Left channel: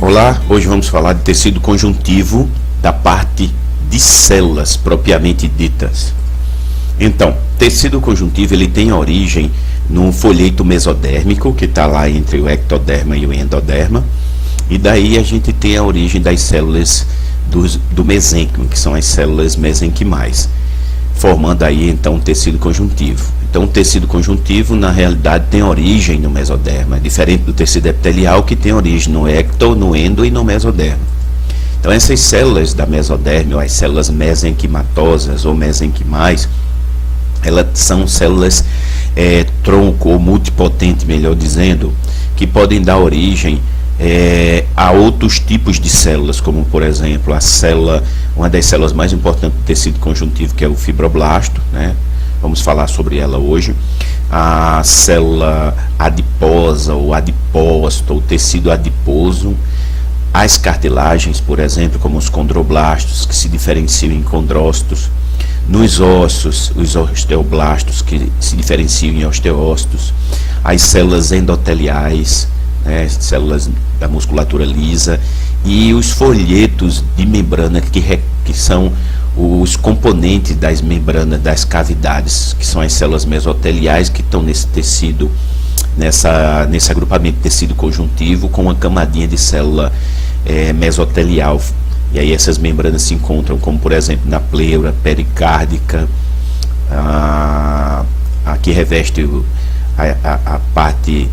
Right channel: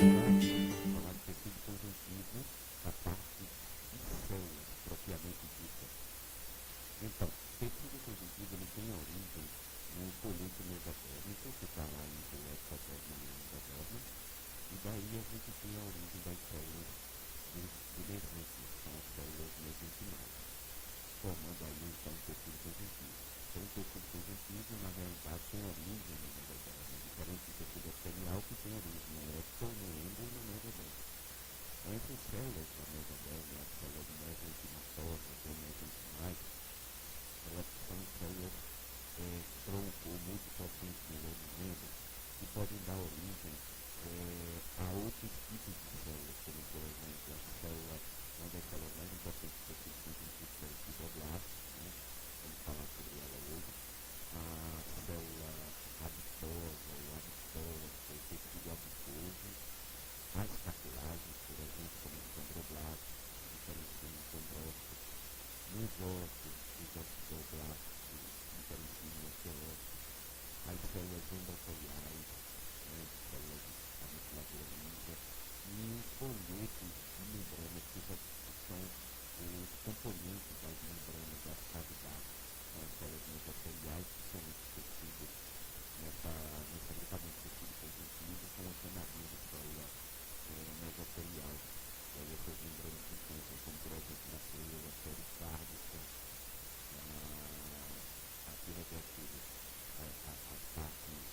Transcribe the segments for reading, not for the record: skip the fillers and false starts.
Olá, hoje vamos falar de tecido conjuntivo da parte de células propriamente ditas. Então, tecido conjuntivo ele tem origem no folheto mesodérmico, que está lá entre o ectoderma e o endoderma, e daí a gente tem a origem das células do mesênquima, que são as células mesenquimais, formando aí então o tecido conjuntivo. Então o tecido conjuntivo na realidade tem origem no mesoderma, diferente do tecido epitelial que tem origem no ecto, no endo e no mesoderma. Então essas células da mesoderma, ou as células mesenquimatosas ou mesenquimais, elas são células tronco ou multipotente, melhor dizendo, que podem dar origem a outros tipos de células, como por exemplo a célula, uma das células mais importantes do tecido conjuntivo, que é o fibroblasto, né? Vamos falar sobre ela hoje. A célula adiposa ou adipócito, ou tecido adiposo, as cartilagens, por exemplo, como os condroblastos, que se diferenciam em condrócitos, nos ossos, os osteoblastos, que se diferenciam em osteócitos, as células endoteliais, né, células da musculatura lisa, e os folhetos de membrana que são os componentes das membranas das cavidades, que são as células mesoteliais que estão nesse tecido, nesse agrupamento de tecido conjuntivo com uma camadinha de célula mesotelial. E aí essas membranas se encontram, como por exemplo na pleura pericárdica, a que reveste a parte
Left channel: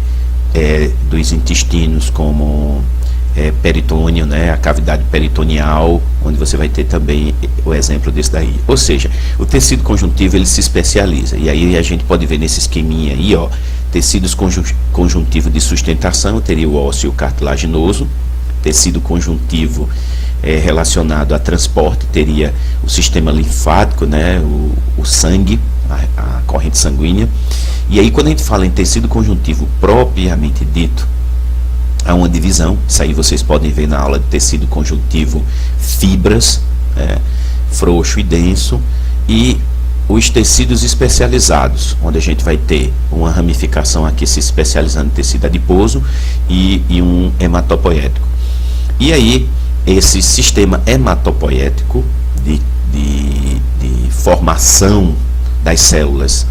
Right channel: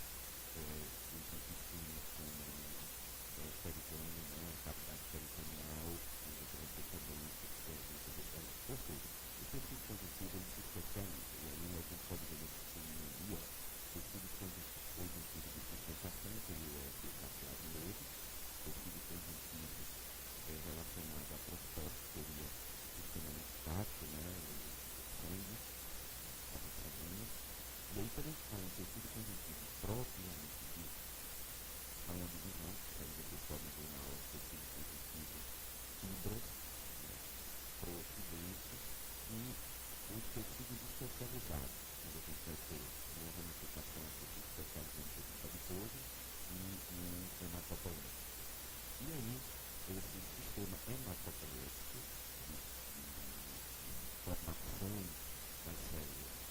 dos intestinos, como peritônio, né, a cavidade peritoneal, onde você vai ter também o exemplo desse daí. Ou seja, o tecido conjuntivo ele se especializa, e aí a gente pode ver nesse esqueminha aí, ó, tecidos conjuntivo de sustentação, teria o ósseo cartilaginoso, tecido conjuntivo relacionado a transporte, teria o sistema linfático, né, o sangue, a corrente sanguínea. E aí quando a gente fala em tecido conjuntivo propriamente dito, há uma divisão, isso aí vocês podem ver na aula de tecido conjuntivo, fibras, frouxo e denso, e os tecidos especializados, onde a gente vai ter uma ramificação aqui se especializando em tecido adiposo e um hematopoético. E aí, esse sistema hematopoético de formação das células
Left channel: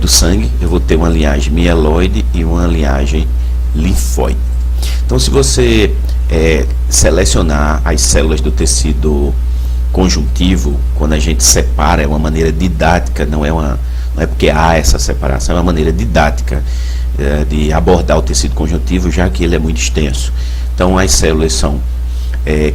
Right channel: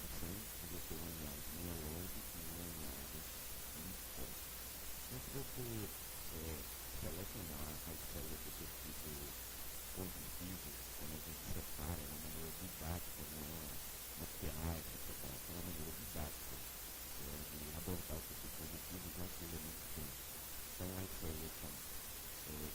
do sangue, eu vou ter uma linhagem mieloide e uma linhagem linfóide. Então, se você selecionar as células do tecido conjuntivo, quando a gente separa, é uma maneira didática, não é porque há essa separação, é uma maneira didática de abordar o tecido conjuntivo, já que ele é muito extenso. Então, as células são,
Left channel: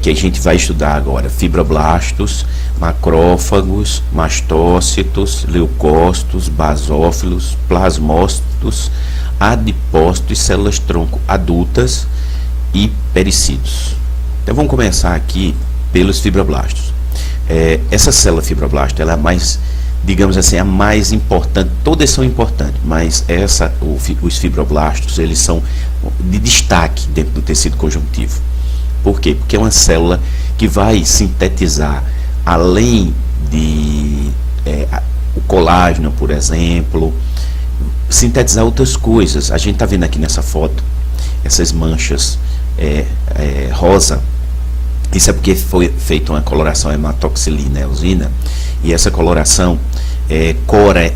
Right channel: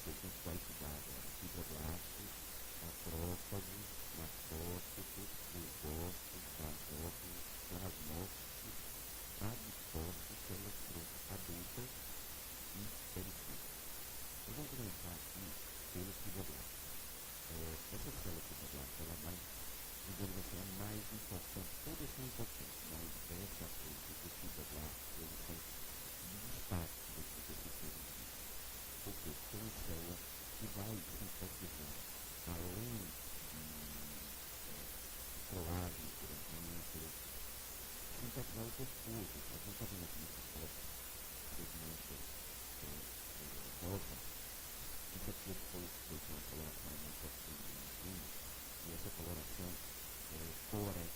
que a gente vai estudar agora, fibroblastos, macrófagos, mastócitos, leucócitos, basófilos, plasmócitos, adipócitos, células tronco adultas e pericídios. Então vamos começar aqui pelos fibroblastos. Essa célula fibroblasto, ela é a mais, digamos assim, a mais importante. Todas são importantes, mas os fibroblastos, eles são de destaque dentro do tecido conjuntivo. Por quê? Porque é uma célula que vai sintetizar, além de o colágeno, por exemplo, sintetizar outras coisas. A gente está vendo aqui nessa foto essas manchas rosa. Isso é porque foi feita uma coloração hematoxilina eosina, e essa coloração cora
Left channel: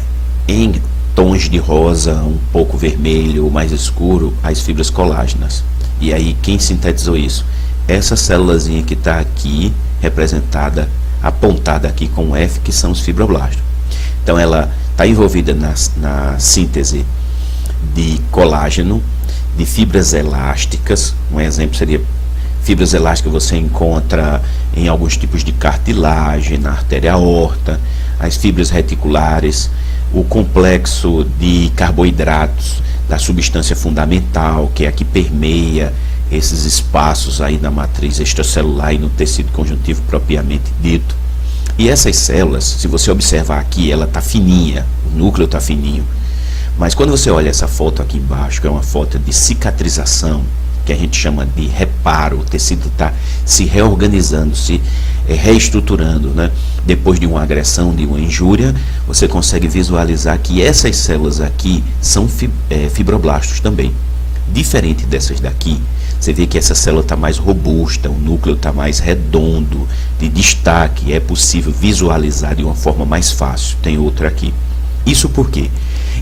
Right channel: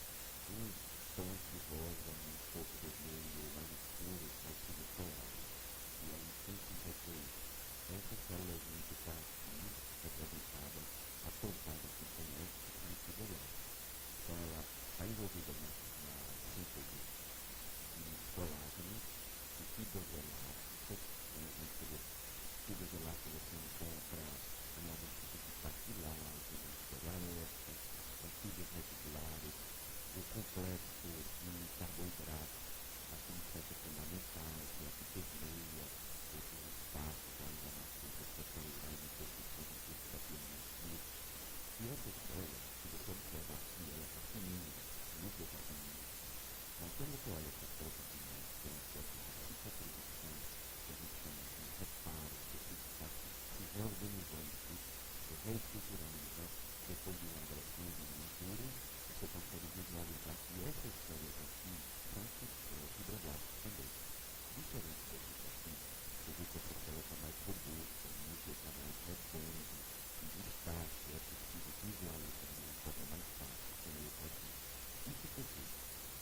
em tons de rosa, um pouco vermelho ou mais escuro, as fibras colágenas. E aí quem sintetizou isso? Essa célulazinha que está aqui representada, apontada aqui com F, que são os fibroblastos. Então ela está envolvida na síntese de colágeno, de fibras elásticas. Um exemplo seria fibras elásticas que você encontra em alguns tipos de cartilagem, na artéria aorta, as fibras reticulares, o complexo de carboidratos da substância fundamental, que é a que permeia esses espaços aí na matriz extracelular e no tecido conjuntivo propriamente dito. E essas células, se você observar aqui, ela está fininha, o núcleo está fininho, mas quando você olha essa foto aqui embaixo, que é uma foto de cicatrização, que a gente chama de reparo, o tecido está se reorganizando, se reestruturando, né? Depois de uma agressão, de uma injúria, você consegue visualizar que essas células aqui são fibroblastos também. Diferente dessas daqui, você vê que essa célula está mais robusta, o núcleo está mais redondo, de destaque, é possível visualizar de uma forma mais fácil. Tem outra aqui. Isso porque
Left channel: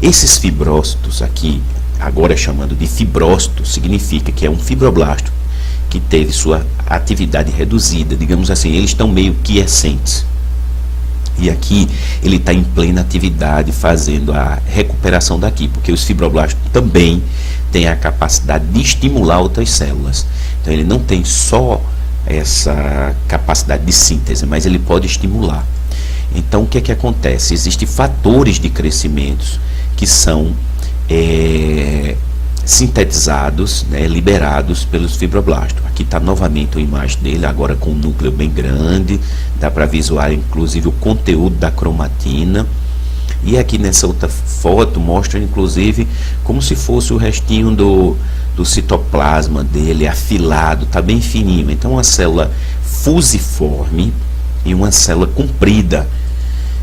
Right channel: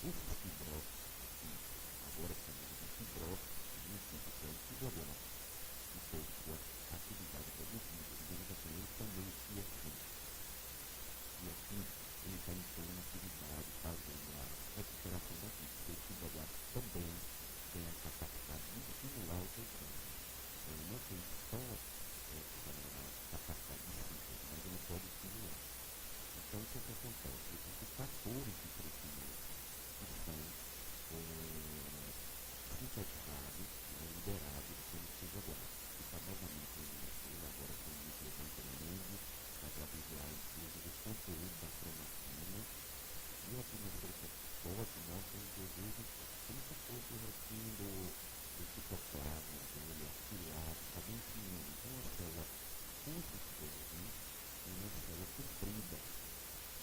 esses fibrócitos aqui, agora chamando de fibrócito, significa que é um fibroblasto que teve sua atividade reduzida, digamos assim, eles estão meio quiescentes. E aqui ele está em plena atividade fazendo a recuperação daqui, porque os fibroblastos também têm a capacidade de estimular outras células. Então ele não tem só essa capacidade de síntese, mas ele pode estimular. Então o que é que acontece? Existem fatores de crescimento que são sintetizados, né, liberados pelos fibroblastos. Aqui está novamente a imagem dele, agora com um núcleo bem grande, dá para visualizar inclusive o conteúdo da cromatina. E aqui nessa outra foto mostra inclusive como se fosse o restinho do citoplasma dele, afilado, está bem fininho. Então uma célula fusiforme e uma célula comprida.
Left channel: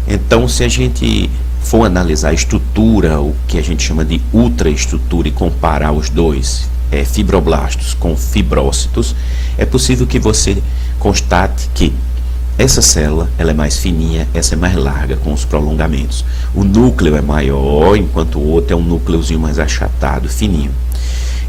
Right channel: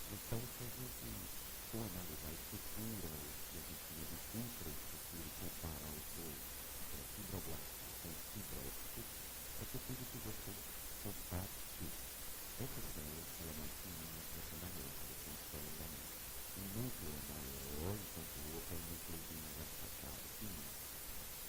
Então se a gente for analisar a estrutura, o que a gente chama de ultraestrutura, e comparar os dois, fibroblastos com fibrócitos, é possível que você constate que essa célula ela é mais fininha, essa é mais larga, com os prolongamentos. O núcleo é maior, enquanto o outro é um núcleozinho mais achatado, fininho.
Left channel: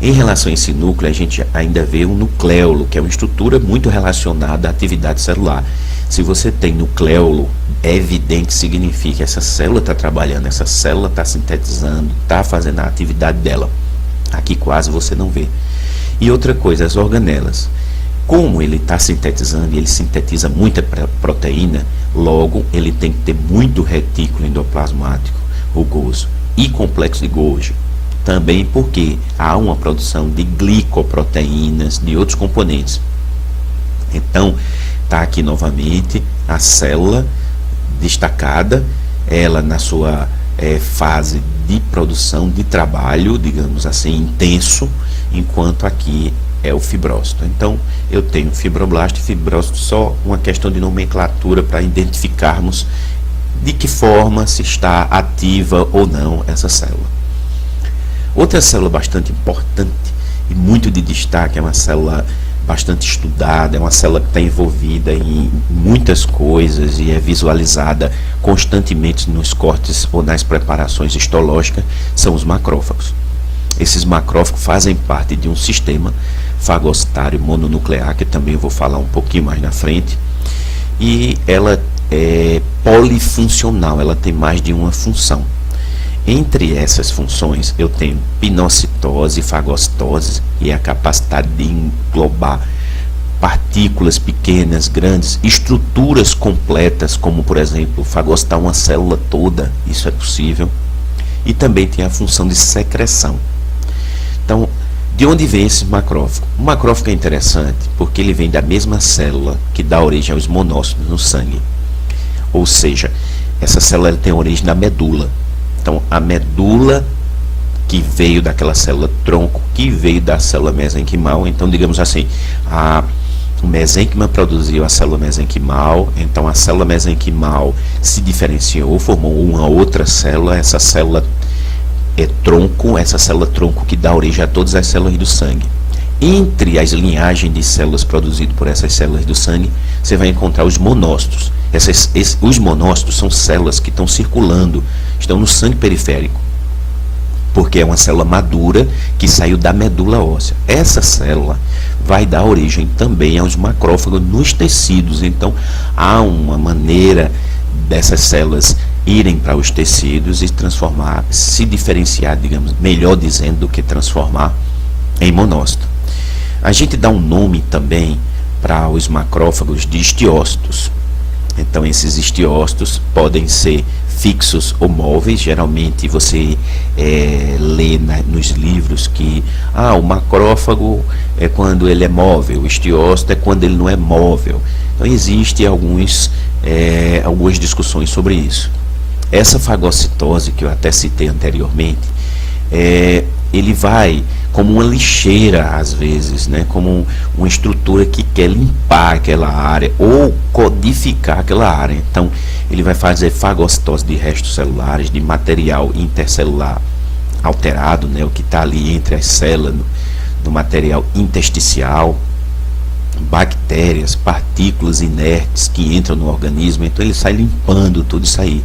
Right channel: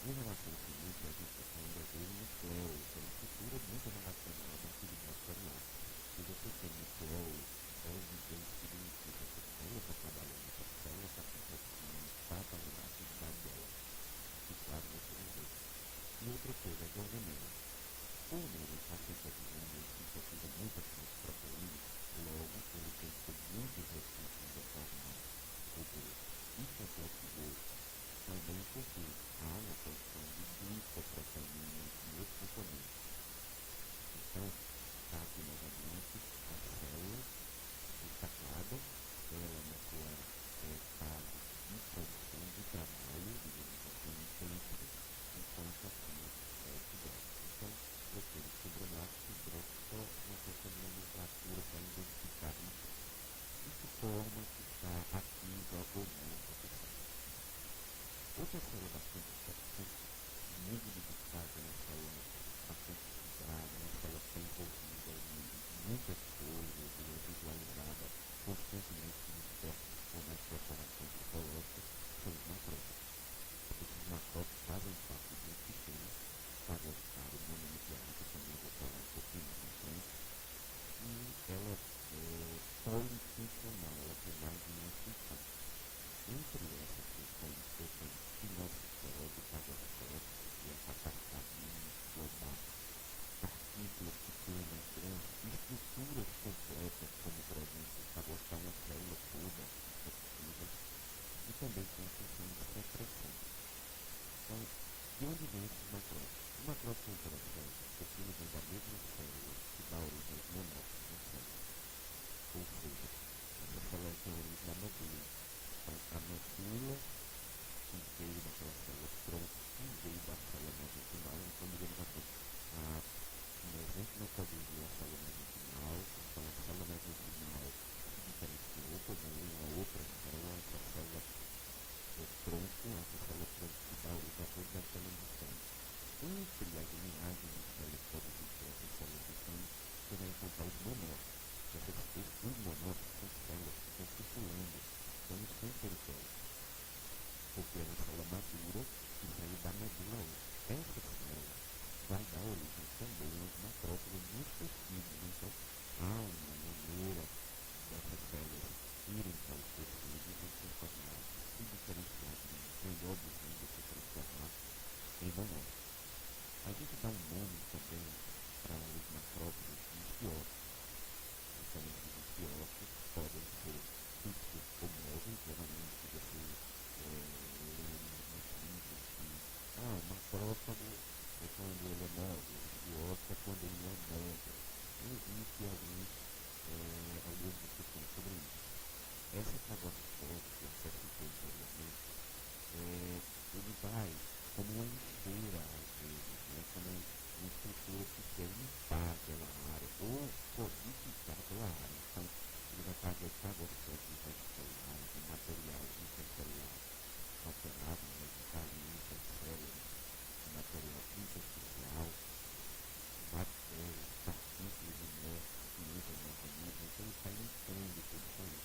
Em relação a esse núcleo, a gente ainda vê um nucleolo, que é uma estrutura muito relacionada à atividade celular. Se você tem nucleolo, é evidente que significa que essa célula está trabalhando, essa célula está sintetizando, está fazendo a atividade dela. Aqui quase você não vê. E outra coisa, as organelas. Como ele está sintetizando e ele sintetiza muita proteína, logo ele tem que ter muito retículo endoplasmático rugoso e complexo de Golgi. Também porque há uma produção de glicoproteínas, de outros componentes. Então, está aqui novamente a célula destacada, ela na sua fase de produção, de trabalho, digamos assim, intenso, enquanto aqui é o fibrócito. Então, eu tenho fibroblasto e fibrócito, só uma questão de nomenclatura para identificarmos de que forma se está ativa ou não essa célula. Outra célula bastante importante e muito de destaque, é uma célula bastante estudada, é uma célula que está envolvida em muitas coisas e é visualizada constantemente nos cortes ou nas preparações histológicas, são os macrófagos. Esses macrófagos fazem parte de um sistema fagocitário mononuclear, que também eu vou falar um pouquinho mais na frente, e ela é polifuncional, ela tem mais de uma função. Entre essas funções, eu tenho pinocitose e fagocitose, e a capacidade de englobar partículas pequenas, grandes, estruturas completas, como por exemplo, fagocitar uma célula toda, isso é possível. E também tem a função de secreção. Então, de onde vem esse macrófago? O macrófago é interessante porque ele vem da mesma célula que dá origem aos monócitos no sangue. Ou seja, essa célula tem origem na medula. Então, a medula que veio daquela célula tronco, que veio da célula mesenquimal, então, digamos assim, o mesênquima produziu a célula mesenquimal, então a célula mesenquimal se diferenciou, formou uma outra célula, essa célula tronco, essa célula tronco que dá origem a todas as células do sangue. Entre as linhagens de células produzidas por essas células do sangue, você vai encontrar os monócitos. Os monócitos são células que estão circulando, estão no sangue periférico, porque é uma célula madura que saiu da medula óssea. Essa célula vai dar origem também aos macrófagos nos tecidos. Então, há uma maneira dessas células irem para os tecidos e transformar, se diferenciar, digamos, melhor dizendo, do que transformar em monócito. A gente dá um nome também para os macrófagos de estiócitos. Então, esses estiócitos podem ser fixos ou móveis. Geralmente você lê nos livros que o macrófago é quando ele é móvel, o estiócito é quando ele não é móvel. Então existem algumas discussões sobre isso. Essa fagocitose que eu até citei anteriormente, ele vai como uma lixeira às vezes, né, como uma estrutura que quer limpar aquela área ou codificar aquela área. Então ele vai fazer fagocitose de restos celulares, de material intercelular alterado, né, o que está ali entre as células do material intersticial, bactérias, partículas inertes que entram no organismo, então ele sai limpando tudo isso aí.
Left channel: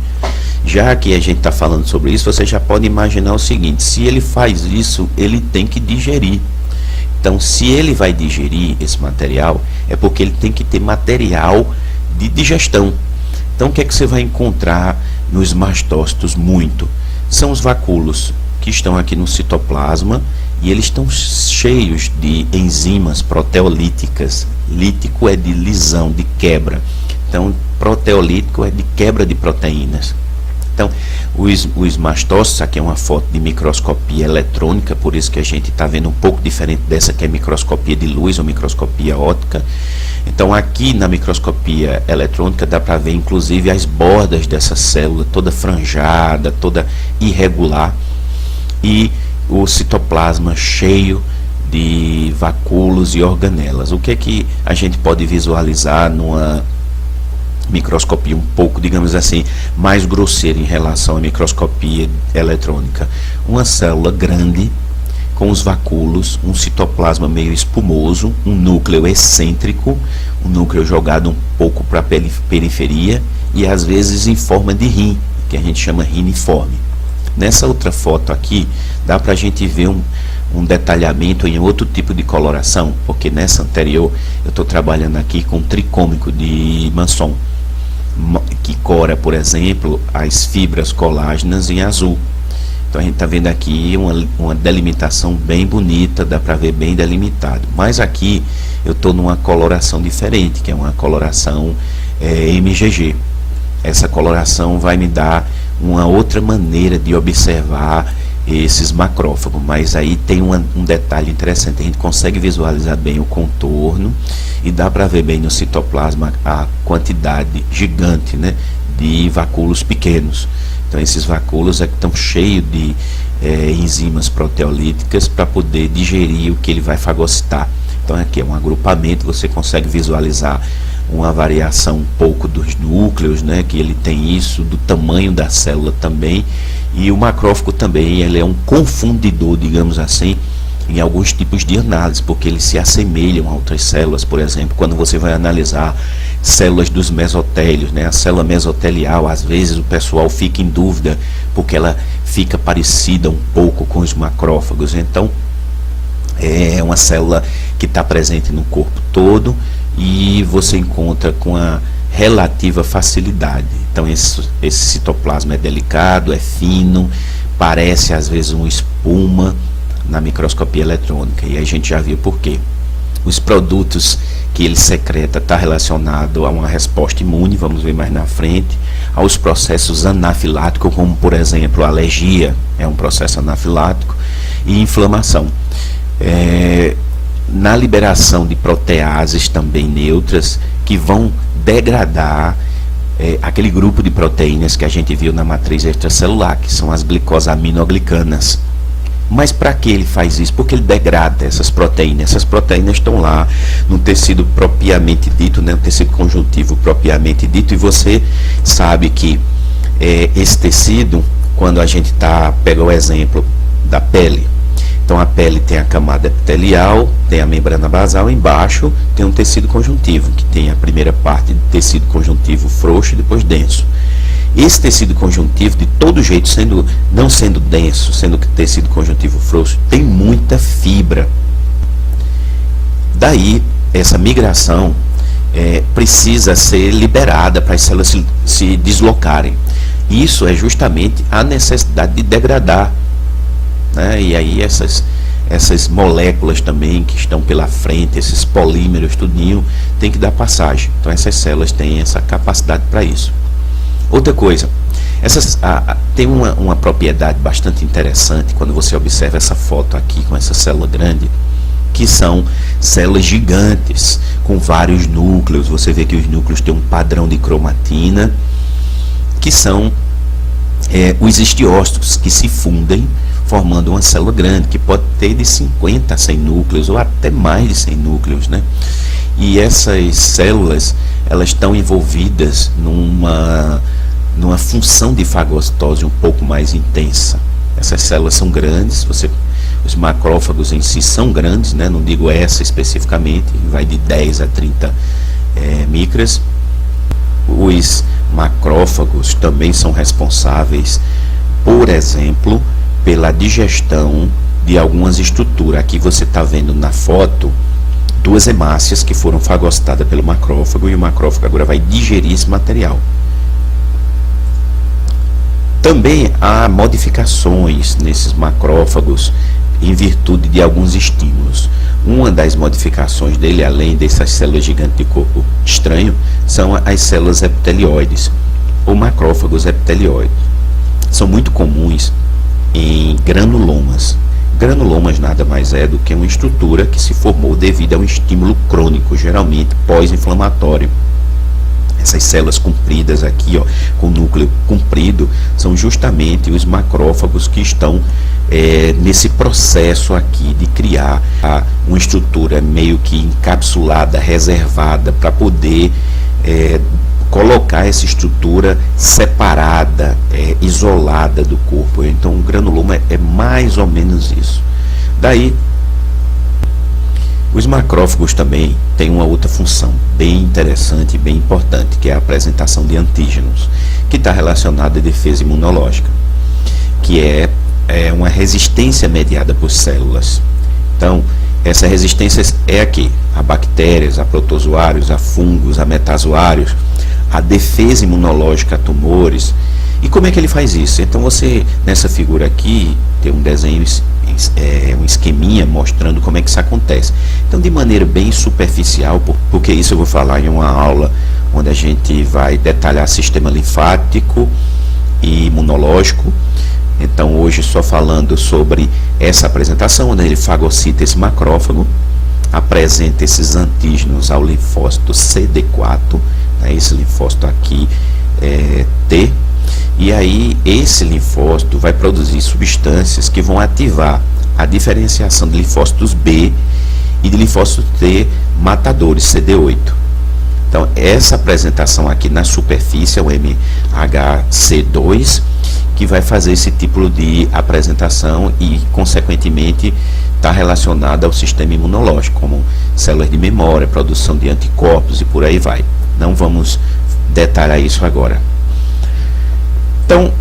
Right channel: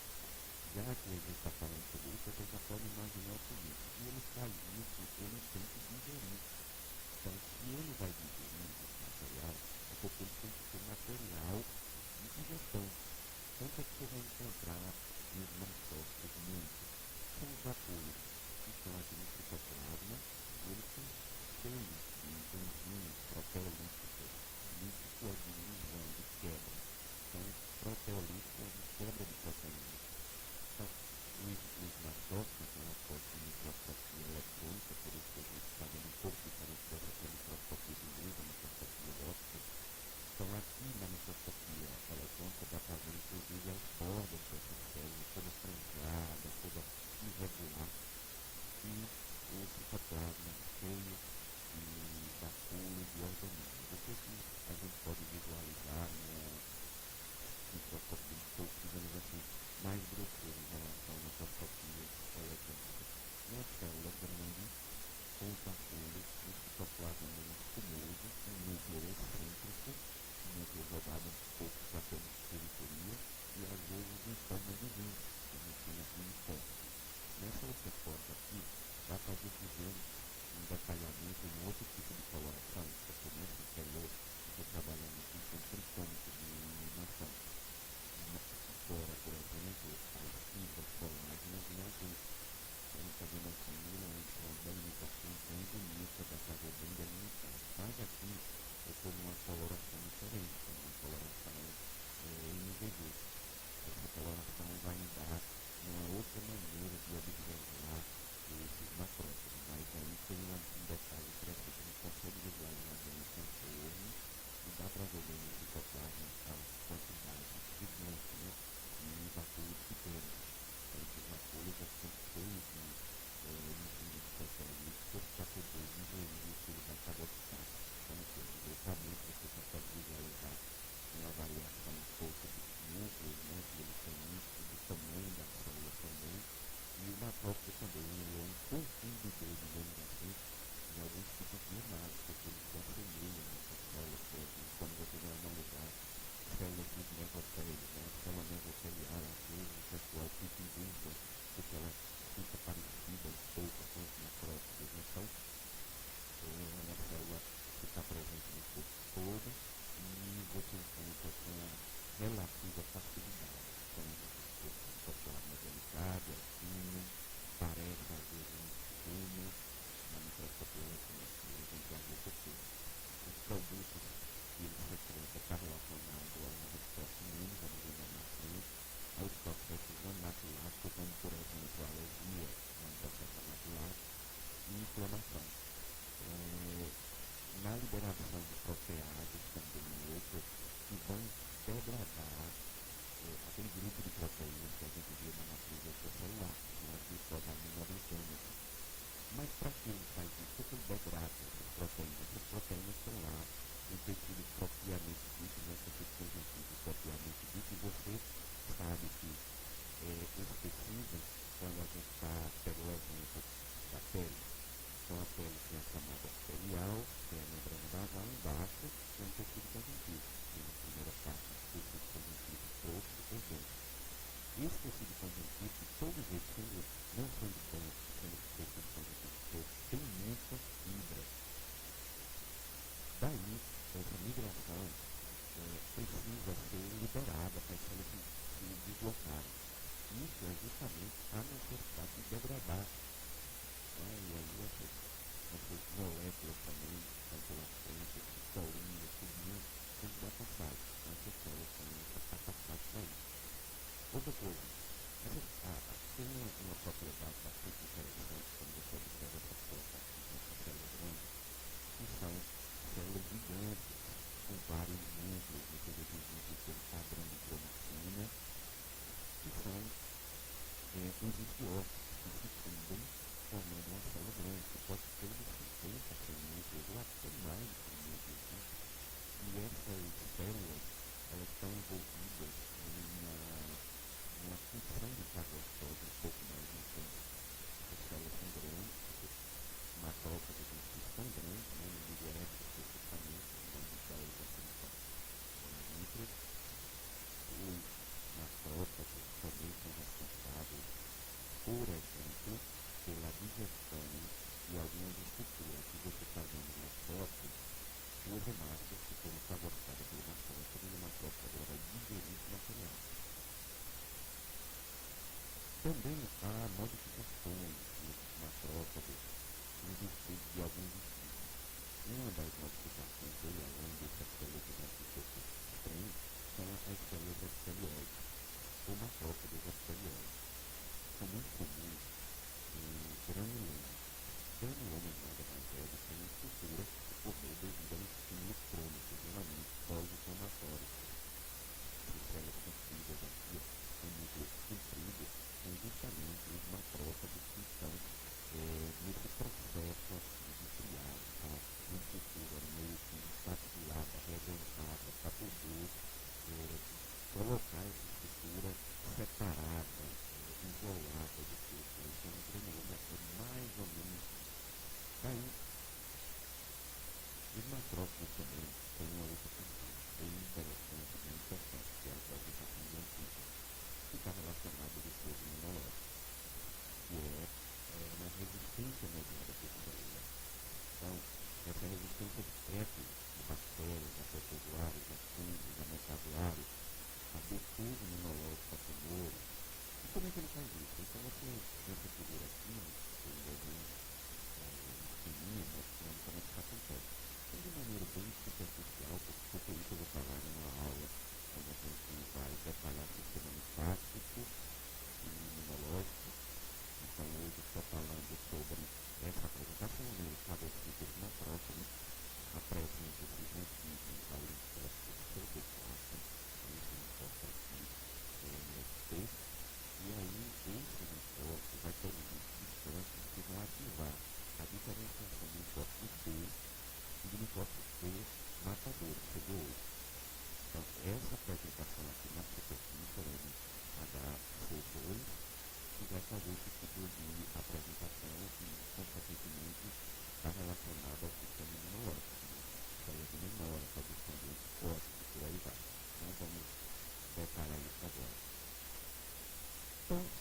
Já que a gente está falando sobre isso, você já pode imaginar o seguinte: se ele faz isso, ele tem que digerir. Então, se ele vai digerir esse material, é porque ele tem que ter material de digestão. Então, o que é que você vai encontrar nos mastócitos muito? São os vacúolos, que estão aqui no citoplasma, e eles estão cheios de enzimas proteolíticas. Lítico é de lisão, de quebra. Então, proteolítico é de quebra de proteínas. Então, os mastócitos, aqui é uma foto de microscopia eletrônica, por isso que a gente está vendo um pouco diferente dessa que é microscopia de luz ou microscopia óptica. Então, aqui na microscopia eletrônica dá para ver inclusive as bordas dessa célula, toda franjada, toda irregular, e o citoplasma cheio de vacúolos e organelas. O que é que a gente pode visualizar numa microscopia um pouco, digamos assim, mais grosseira em relação à microscopia eletrônica? Uma célula grande com os vacúolos, um citoplasma meio espumoso, um núcleo excêntrico, um núcleo jogado um pouco para a periferia e às vezes em forma de rim, que a gente chama riniforme. Nessa outra foto aqui dá para a gente ver um detalhamento em outro tipo de coloração, porque nessa anterior eu estou trabalhando aqui com tricômico de Manson, que cora, por exemplo, as fibras colágenas em azul. Então a gente está vendo aqui uma delimitação bem bonita, dá para ver bem delimitado. Mas aqui eu estou numa coloração diferente, que é uma coloração MGG. Essa coloração vai me dar uma outra maneira de observar esses macrófagos, mas aí tem um detalhe interessante: a gente consegue visualizar bem o contorno e dá para ver bem no citoplasma a quantidade gigante, né, de vacúolos pequenos. Então esses vacúolos estão cheios de enzimas proteolíticas para poder digerir o que ele vai fagocitar. Então aqui é um agrupamento, você consegue visualizar uma variação um pouco dos núcleos, né, que ele tem isso, do tamanho da célula também. E o macrófago também, ele é um confundidor, digamos assim, em alguns tipos de análise, porque eles se assemelham a outras células. Por exemplo, quando você vai analisar células dos mesotélios, né, a célula mesotelial, às vezes o pessoal fica em dúvida, porque ela fica parecida um pouco com os macrófagos. Então, é uma célula que está presente no corpo todo e você encontra com a relativa facilidade. Então esse citoplasma é delicado, é fino, parece às vezes uma espuma na microscopia eletrônica, e a gente já viu por quê. Os produtos que ele secreta está relacionado a uma resposta imune, vamos ver mais na frente, aos processos anafiláticos, como por exemplo a alergia, é um processo anafilático, e inflamação. Na liberação de proteases também neutras, que vão degradar aquele grupo de proteínas que a gente viu na matriz extracelular, que são as glicosaminoglicanas. Mas para que ele faz isso? Porque ele degrada essas proteínas. Essas proteínas estão lá no tecido propriamente dito, né, no tecido conjuntivo propriamente dito, e você sabe que esse tecido, quando a gente pega o exemplo da pele, então a pele tem a camada epitelial, tem a membrana basal, embaixo tem um tecido conjuntivo, que tem a primeira parte do tecido conjuntivo frouxo e depois denso. Esse tecido conjuntivo, de todo jeito, não sendo denso, sendo que tecido conjuntivo frouxo, tem muita fibra. Daí, essa migração precisa ser liberada para as células se deslocarem. Isso é justamente a necessidade de degradar, né? E aí essas moléculas também que estão pela frente, esses polímeros, tudinho, tem que dar passagem. Então essas células têm essa capacidade para isso. Outra coisa, tem uma propriedade bastante interessante quando você observa essa foto aqui com essa célula grande, que são células gigantes com vários núcleos. Você vê que os núcleos têm um padrão de cromatina, que são os estiócitos que se fundem formando uma célula grande, que pode ter de 50 a 100 núcleos, ou até mais de 100 núcleos, né? E essas células, elas estão envolvidas numa função de fagocitose um pouco mais intensa. Essas células são grandes, os macrófagos em si são grandes, né? Não digo essa especificamente, vai de 10 a 30 micras. Os macrófagos também são responsáveis, por exemplo, pela digestão de algumas estruturas. Aqui você está vendo na foto duas hemácias que foram fagostadas pelo macrófago, e o macrófago agora vai digerir esse material. Também há modificações nesses macrófagos em virtude de alguns estímulos. Uma das modificações dele, além dessas células gigantes de corpo estranho, são as células epitelioides, ou macrófagos epitelioides. São muito comuns em granulomas. Granulomas nada mais é do que uma estrutura que se formou devido a um estímulo crônico, geralmente pós-inflamatório. Essas células compridas aqui, ó, com núcleo comprido, são justamente os macrófagos que estão nesse processo aqui de criar uma estrutura meio que encapsulada, reservada, para poder colocar essa estrutura separada, isolada do corpo. Então o granuloma é mais ou menos isso. Daí, os macrófagos também têm uma outra função bem interessante e bem importante, que é a apresentação de antígenos, que está relacionada à defesa imunológica, que é uma resistência mediada por células. Então, essa resistência é aqui, a bactérias, a protozoários, a fungos, a metazoários, a defesa imunológica a tumores. E como é que ele faz isso? Então você, nessa figura aqui, tem um desenho, um esqueminha mostrando como é que isso acontece. Então, de maneira bem superficial, porque isso eu vou falar em uma aula onde a gente vai detalhar sistema linfático e imunológico. Então, hoje só falando sobre essa apresentação, onde ele fagocita esse macrófago, apresenta esses antígenos ao linfócito CD4, né, esse linfócito aqui T, e aí esse linfócito vai produzir substâncias que vão ativar a diferenciação de linfócitos B e de linfócitos T matadores, CD8. Então, essa apresentação aqui na superfície é o MHC2, que vai fazer esse tipo de apresentação e, consequentemente, está relacionada ao sistema imunológico, como células de memória, produção de anticorpos e por aí vai. Não vamos detalhar isso agora. Então,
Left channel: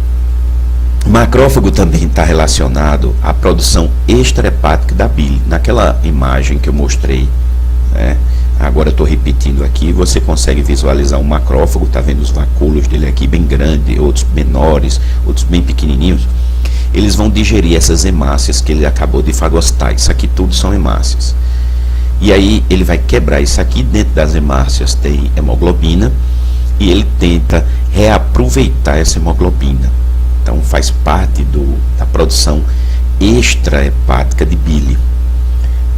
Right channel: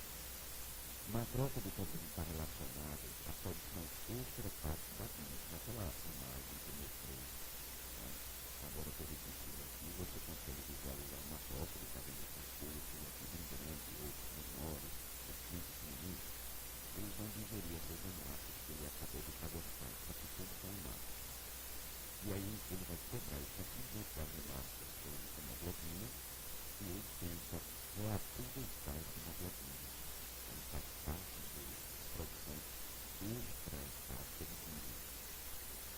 macrófago também está relacionado à produção extrahepática da bile. Naquela imagem que eu mostrei, né, agora eu estou repetindo aqui, você consegue visualizar um macrófago, está vendo os vacúolos dele aqui bem grandes, outros menores, outros bem pequenininhos. Eles vão digerir essas hemácias que ele acabou de fagostar. Isso aqui tudo são hemácias. E aí ele vai quebrar isso aqui. Dentro das hemácias tem hemoglobina, e ele tenta reaproveitar essa hemoglobina. Então faz parte da produção extrahepática de bile.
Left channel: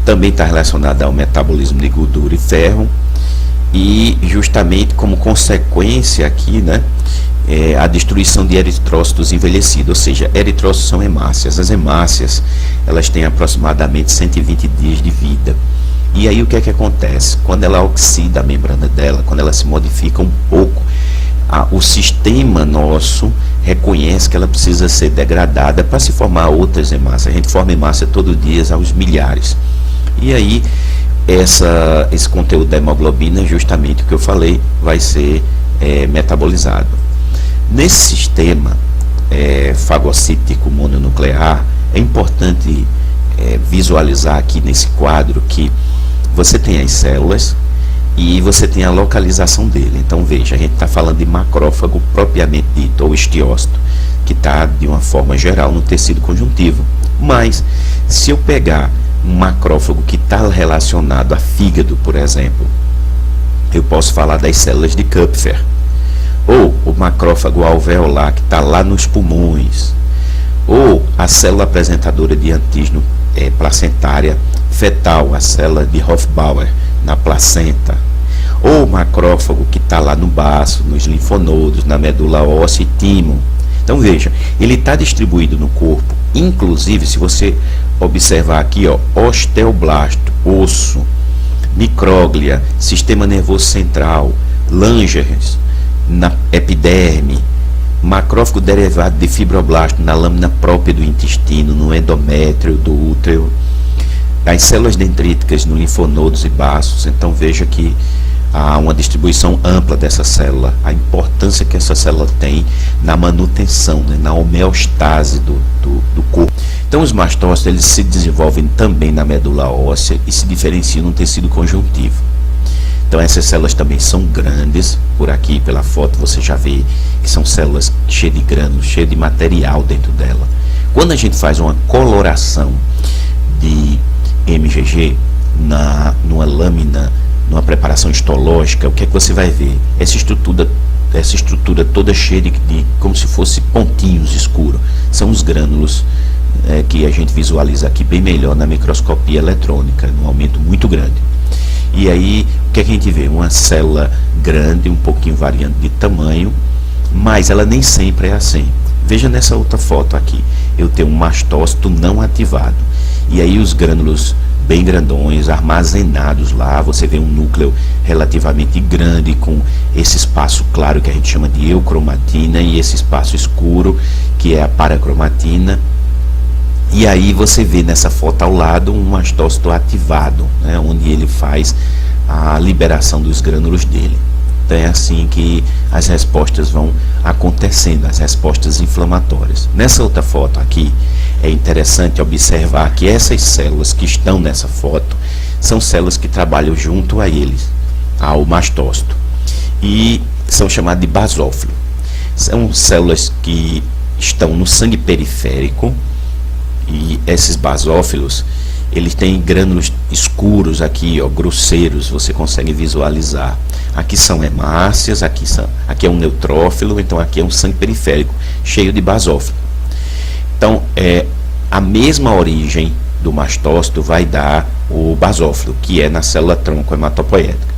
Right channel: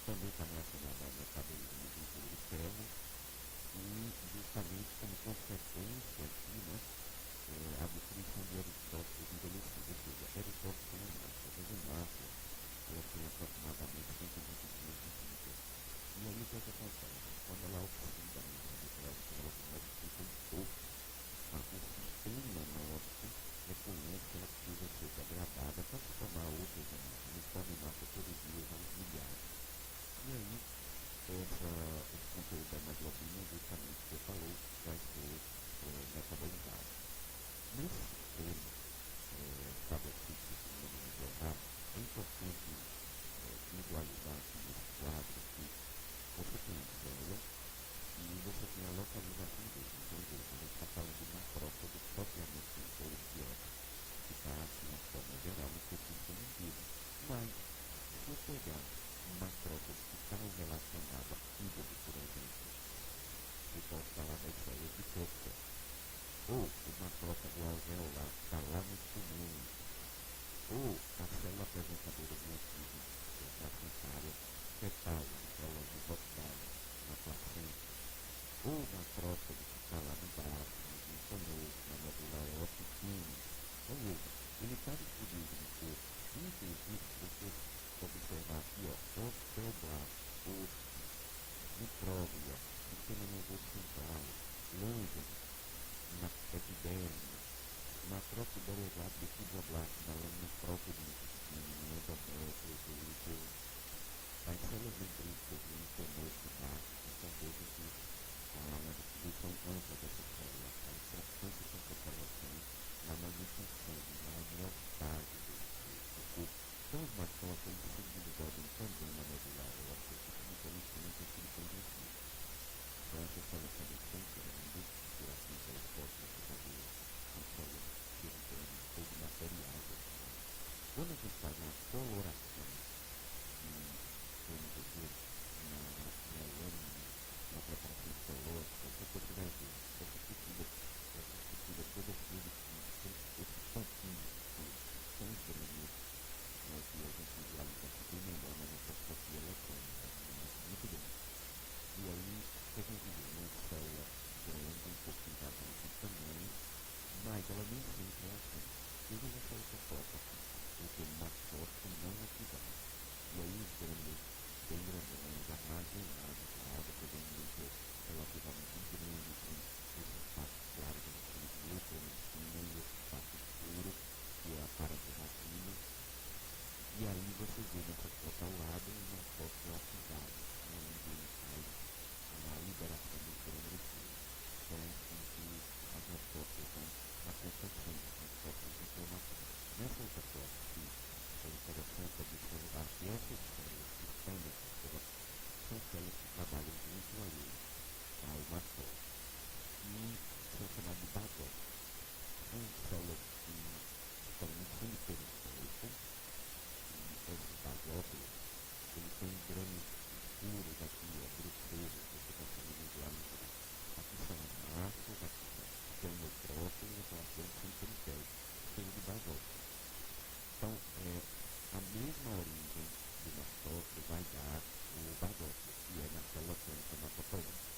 Também está relacionada ao metabolismo de gordura e ferro, e justamente como consequência aqui, né, a destruição de eritrócitos envelhecidos, ou seja, eritrócitos são hemácias. As hemácias, elas têm aproximadamente 120 dias de vida. E aí o que é que acontece? Quando ela oxida a membrana dela, quando ela se modifica um pouco, o sistema nosso reconhece que ela precisa ser degradada para se formar outras hemácias. A gente forma hemácia todo dia aos milhares. E aí, esse conteúdo da hemoglobina, justamente o que eu falei, vai ser metabolizado. Nesse sistema fagocítico mononuclear, é importante visualizar aqui nesse quadro que você tem as células e você tem a localização dele. Então veja, a gente está falando de macrófago propriamente dito, ou estiócito, que está de uma forma geral no tecido conjuntivo. Mas se eu pegar um macrófago que está relacionado a fígado, por exemplo, eu posso falar das células de Kupfer, ou o macrófago alveolar que está lá nos pulmões, ou a célula apresentadora de antígeno placentária fetal, a célula de Hofbauer na placenta, ou o macrófago que está lá no baço, nos linfonodos, na medula óssea e timo. Então veja, ele está distribuído no corpo, inclusive se você observar aqui, ó, osteoblasto, osso, micróglia, sistema nervoso central, Langerhans, na epiderme, macrófago derivado de fibroblasto na lâmina própria do intestino, no endométrio do útero, as células dendríticas no linfonodos e baços. Então veja que há uma distribuição ampla dessa célula, a importância que essa célula tem na manutenção, né, na homeostase do corpo. Então os mastócitos eles se desenvolvem também na medula óssea e se diferenciam no tecido conjuntivo. Então essas células também são grandes, por aqui pela foto você já vê que são células cheias de grânulos, cheias de material dentro dela. Quando a gente faz uma coloração de MGG numa lâmina, numa preparação histológica, o que é que você vai ver? Essa estrutura toda cheia de como se fosse pontinhos escuros. São os grânulos que a gente visualiza aqui bem melhor na microscopia eletrônica, num aumento muito grande. E aí, o que é que a gente vê? Uma célula grande, um pouquinho variante de tamanho, mas ela nem sempre é assim. Veja nessa outra foto aqui, eu tenho um mastócito não ativado. E aí os grânulos bem grandões, armazenados lá, você vê um núcleo relativamente grande com esse espaço claro que a gente chama de eucromatina e esse espaço escuro que é a paracromatina. E aí você vê nessa foto ao lado um mastócito ativado, né, onde ele faz a liberação dos grânulos dele. Então é assim que as respostas vão acontecendo, as respostas inflamatórias. Nessa outra foto aqui, é interessante observar que essas células que estão nessa foto são células que trabalham junto a eles, ao mastócito, e são chamadas de basófilo. São células que estão no sangue periférico, e esses basófilos, eles têm grânulos escuros aqui, ó, grosseiros, você consegue visualizar. Aqui são hemácias, aqui é um neutrófilo, então aqui é um sangue periférico, cheio de basófilo. Então, a mesma origem do mastócito vai dar o basófilo, que é na célula tronco hematopoética.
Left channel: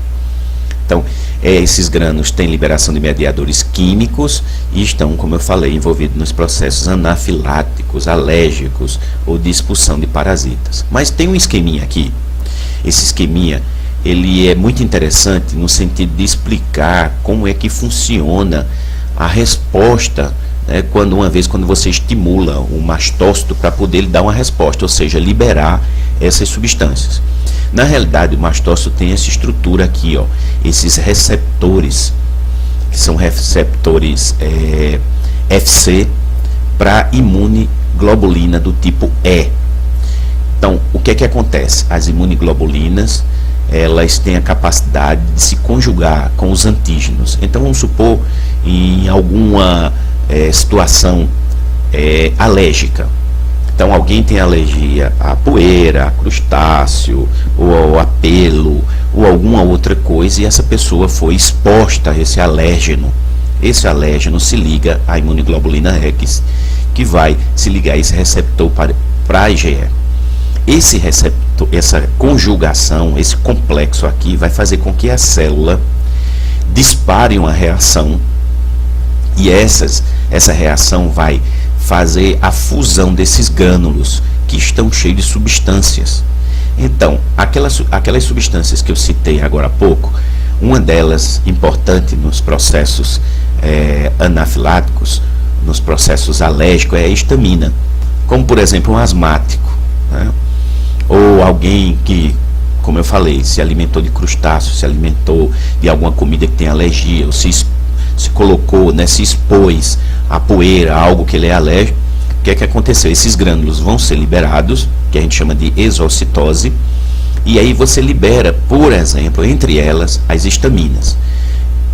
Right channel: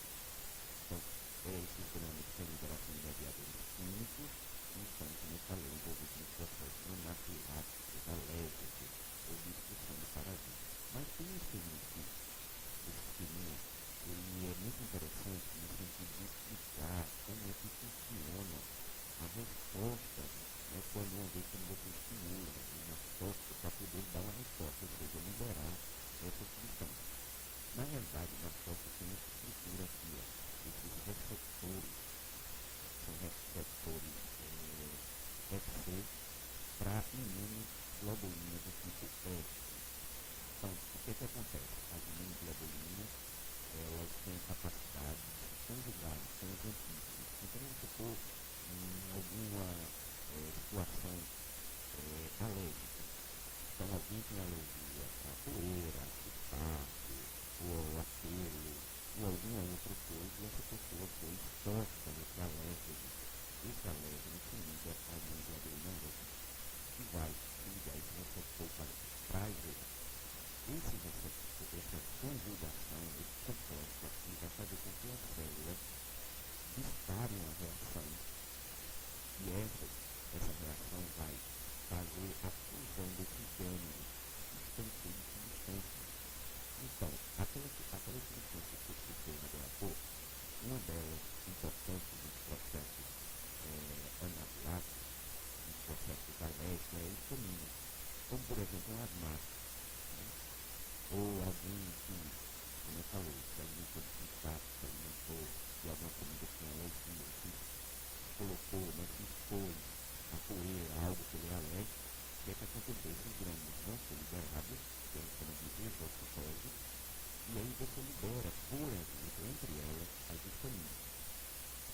Então, esses grânulos têm liberação de mediadores químicos e estão, como eu falei, envolvidos nos processos anafiláticos, alérgicos ou de expulsão de parasitas. Mas tem um esqueminha aqui. Esse esqueminha, ele é muito interessante no sentido de explicar como é que funciona a resposta, né, quando você estimula o mastócito para poder ele dar uma resposta, ou seja, liberar essas substâncias. Na realidade, o mastócito tem essa estrutura aqui, ó, esses receptores, que são receptores FC para imunoglobulina do tipo E. Então, o que é que acontece? As imunoglobulinas, elas têm a capacidade de se conjugar com os antígenos. Então, vamos supor, em alguma situação alérgica. Então alguém tem alergia à poeira, a crustáceo, ou a pelo, ou alguma outra coisa, e essa pessoa foi exposta a esse alérgeno. Esse alérgeno se liga à imunoglobulina X, que vai se ligar a esse receptor para a IgE. Esse receptor, essa conjugação, esse complexo aqui, vai fazer com que a célula dispare uma reação, e essa reação vai fazer a fusão desses grânulos que estão cheios de substâncias. Então, aquelas substâncias que eu citei agora há pouco, uma delas importante nos processos anafiláticos, nos processos alérgicos, é a histamina, como por exemplo um asmático, né? Ou alguém que, como eu falei, se alimentou de crustáceo, se alimentou de alguma comida que tem alergia, ou se colocou, né, se expôs a poeira, algo que ele é alérgico. O que é que aconteceu? Esses grânulos vão ser liberados, que a gente chama de exocitose, e aí você libera, por exemplo, entre elas, as histaminas.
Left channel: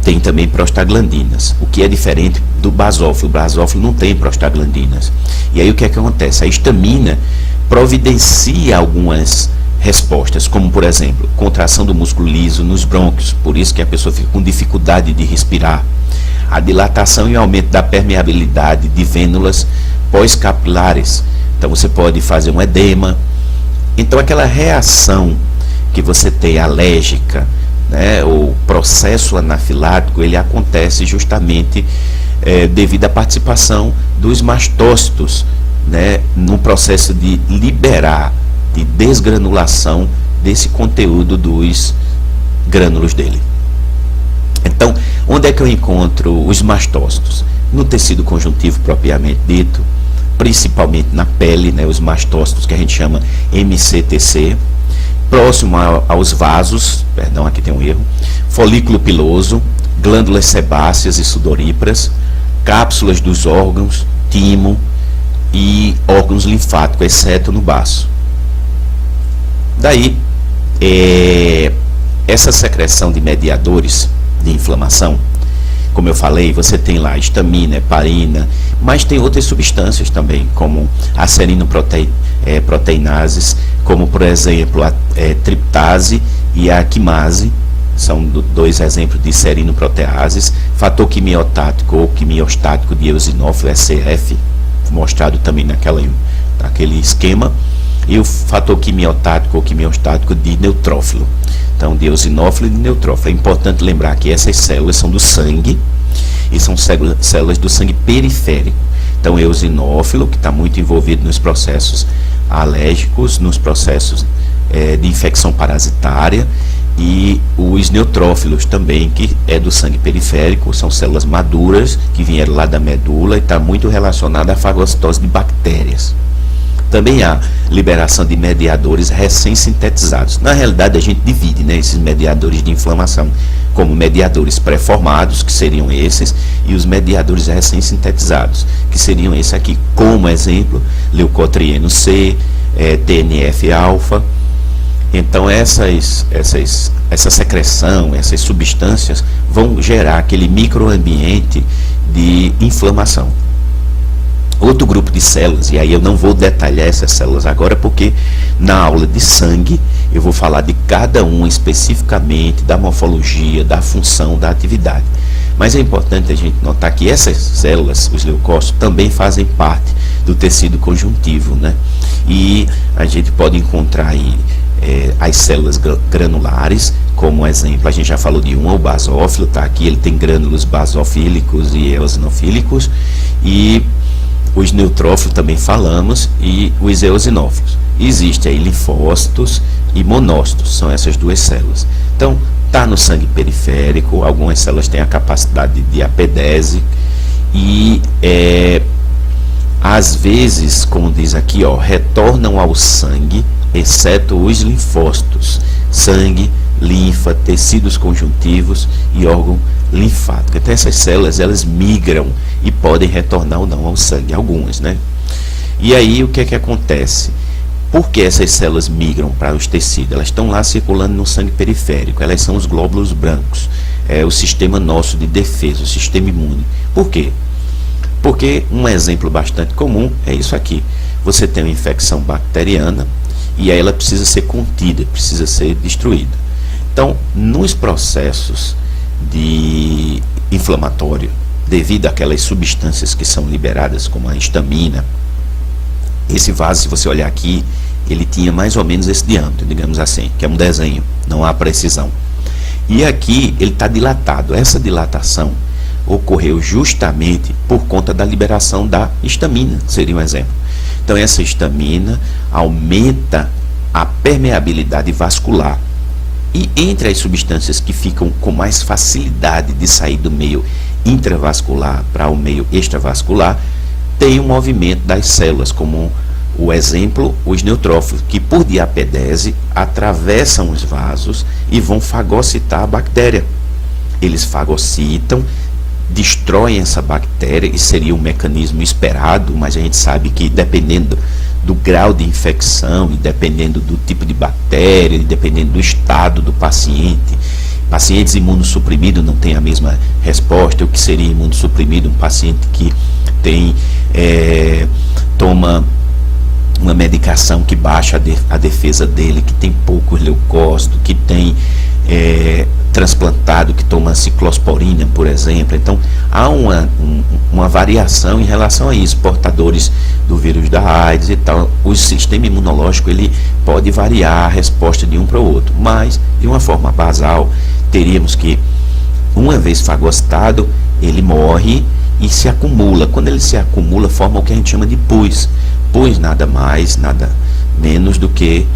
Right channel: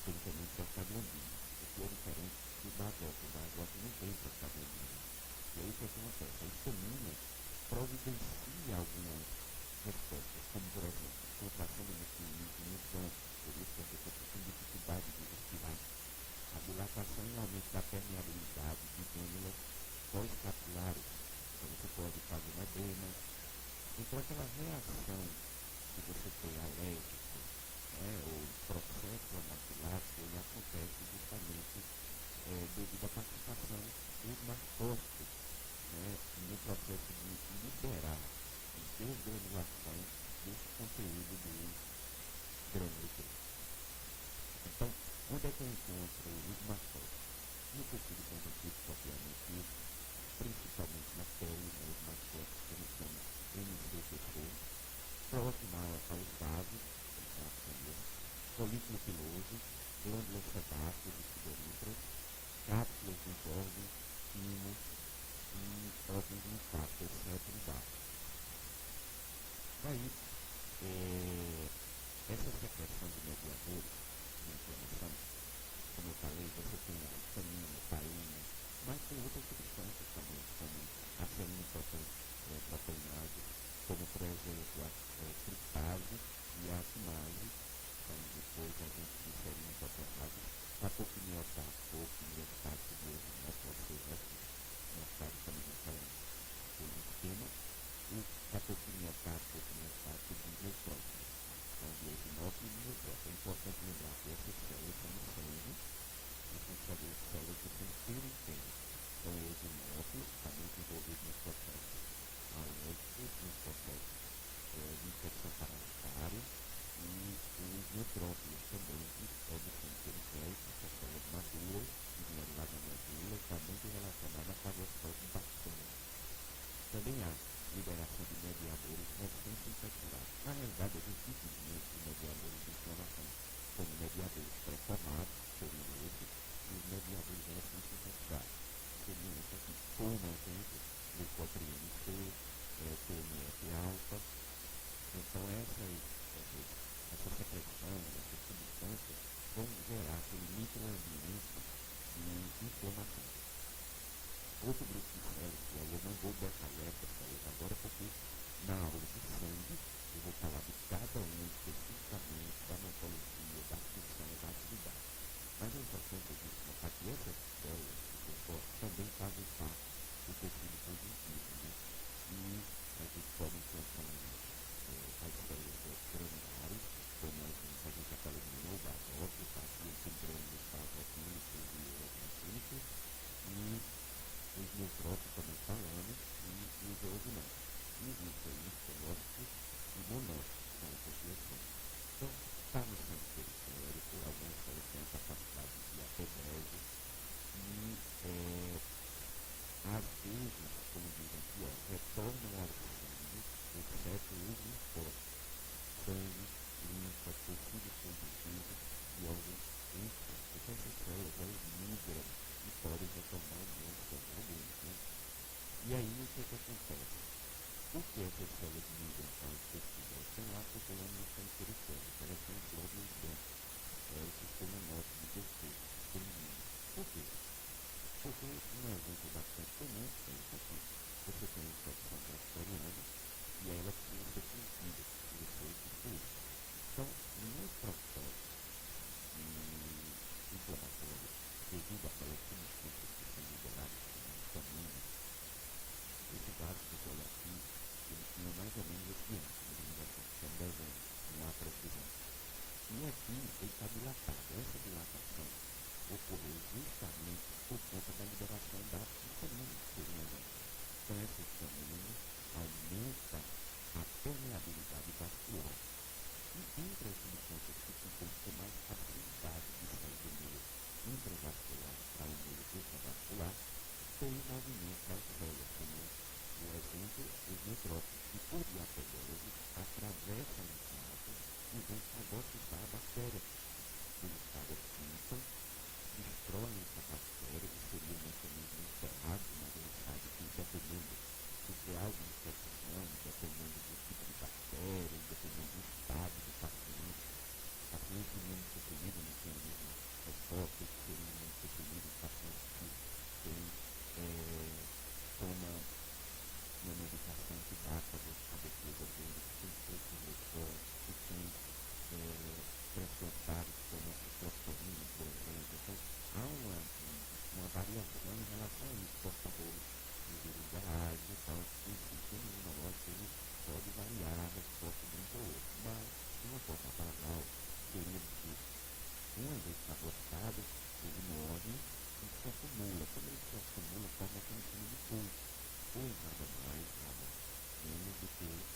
Tem também prostaglandinas, o que é diferente do basófilo. O basófilo não tem prostaglandinas. E aí o que é que acontece? A histamina providencia algumas respostas, como por exemplo, contração do músculo liso nos brônquios, por isso que a pessoa fica com dificuldade de respirar. A dilatação e aumento da permeabilidade de vênulas pós-capilares. Então você pode fazer um edema. Então aquela reação que você tem alérgica, né, o processo anafilático, ele acontece justamente devido à participação dos mastócitos, né, no processo de liberar, de desgranulação desse conteúdo dos grânulos dele. Então, onde é que eu encontro os mastócitos? no tecido conjuntivo propriamente dito, principalmente na pele, né, os mastócitos que a gente chama MCTC, próximo aos vasos, perdão, aqui tem um erro, folículo piloso, glândulas sebáceas e sudoríparas, cápsulas dos órgãos, timo e órgãos linfáticos, exceto no baço. Daí, essa secreção de mediadores de inflamação, como eu falei, você tem lá histamina, heparina, mas tem outras substâncias também, como a serinoproteinases, como por exemplo a triptase e a quimase, são dois exemplos de serinoproteases, fator quimiotático ou quimiostático de eosinófilo, SCF, mostrado também naquele esquema, e o fator quimiotático ou quimiostático de neutrófilo. Então, de eosinófilo e de neutrófilo. É importante lembrar que essas células são do sangue e são células do sangue periférico. Então, o eosinófilo, que está muito envolvido nos processos alérgicos, nos processos de infecção parasitária, e os neutrófilos também, que é do sangue periférico, são células maduras que vieram lá da medula e está muito relacionada à fagocitose de bactérias. Também há liberação de mediadores recém-sintetizados. Na realidade, a gente divide, né, esses mediadores de inflamação como mediadores pré-formados, que seriam esses, e os mediadores recém-sintetizados, que seriam esses aqui. Como exemplo, leucotrieno C, TNF-alfa. Então, essa secreção, essas substâncias vão gerar aquele microambiente de inflamação. Outro grupo de células, e aí eu não vou detalhar essas células agora, porque na aula de sangue eu vou falar de cada uma especificamente, da morfologia, da função, da atividade. Mas é importante a gente notar que essas células, os leucócitos, também fazem parte do tecido conjuntivo, né? E a gente pode encontrar aí as células granulares, como exemplo, a gente já falou de o basófilo, tá aqui, ele tem grânulos basofílicos e eosinofílicos, e os neutrófilos também falamos, e os eosinófilos. Existem aí linfócitos e monócitos, são essas duas células. Então, está no sangue periférico, algumas células têm a capacidade de apedese, e às vezes, como diz aqui, retornam ao sangue, exceto os linfócitos, sangue, linfa, tecidos conjuntivos e órgão linfático. Então essas células, elas migram e podem retornar ou não ao sangue, algumas, né? E aí o que é que acontece? Por que essas células migram para os tecidos? Elas estão lá circulando no sangue periférico, elas são os glóbulos brancos, é o sistema nosso de defesa, o sistema imune. Por quê? Porque um exemplo bastante comum é isso aqui. Você tem uma infecção bacteriana e aí ela precisa ser contida, precisa ser destruída. Então, nos processos de inflamatório, devido àquelas substâncias que são liberadas, como a histamina, esse vaso, se você olhar aqui, ele tinha mais ou menos esse diâmetro, digamos assim, que é um desenho, não há precisão. E aqui ele está dilatado. Essa dilatação ocorreu justamente por conta da liberação da histamina, seria um exemplo. Então essa histamina aumenta a permeabilidade vascular. E entre as substâncias que ficam com mais facilidade de sair do meio intravascular para o meio extravascular, tem o movimento das células, como o exemplo, os neutrófilos, que por diapedese atravessam os vasos e vão fagocitar a bactéria. Eles fagocitam, destroem essa bactéria, e seria um mecanismo esperado, mas a gente sabe que dependendo do grau de infecção e dependendo do tipo de bactéria, e dependendo do estado do paciente, pacientes imunossuprimidos não têm a mesma resposta. O que seria imunossuprimido? Um paciente que tem, toma uma medicação que baixa a defesa dele, que tem poucos leucócitos, que tem transplantado, que toma ciclosporina, por exemplo. Então, há uma variação em relação a isso, portadores do vírus da AIDS e tal. O sistema imunológico, ele pode variar a resposta de um para o outro, mas, de uma forma basal, teríamos que, uma vez fagocitado, ele morre e se acumula. Quando ele se acumula, forma o que a gente chama de pus. Pus nada mais, nada menos do que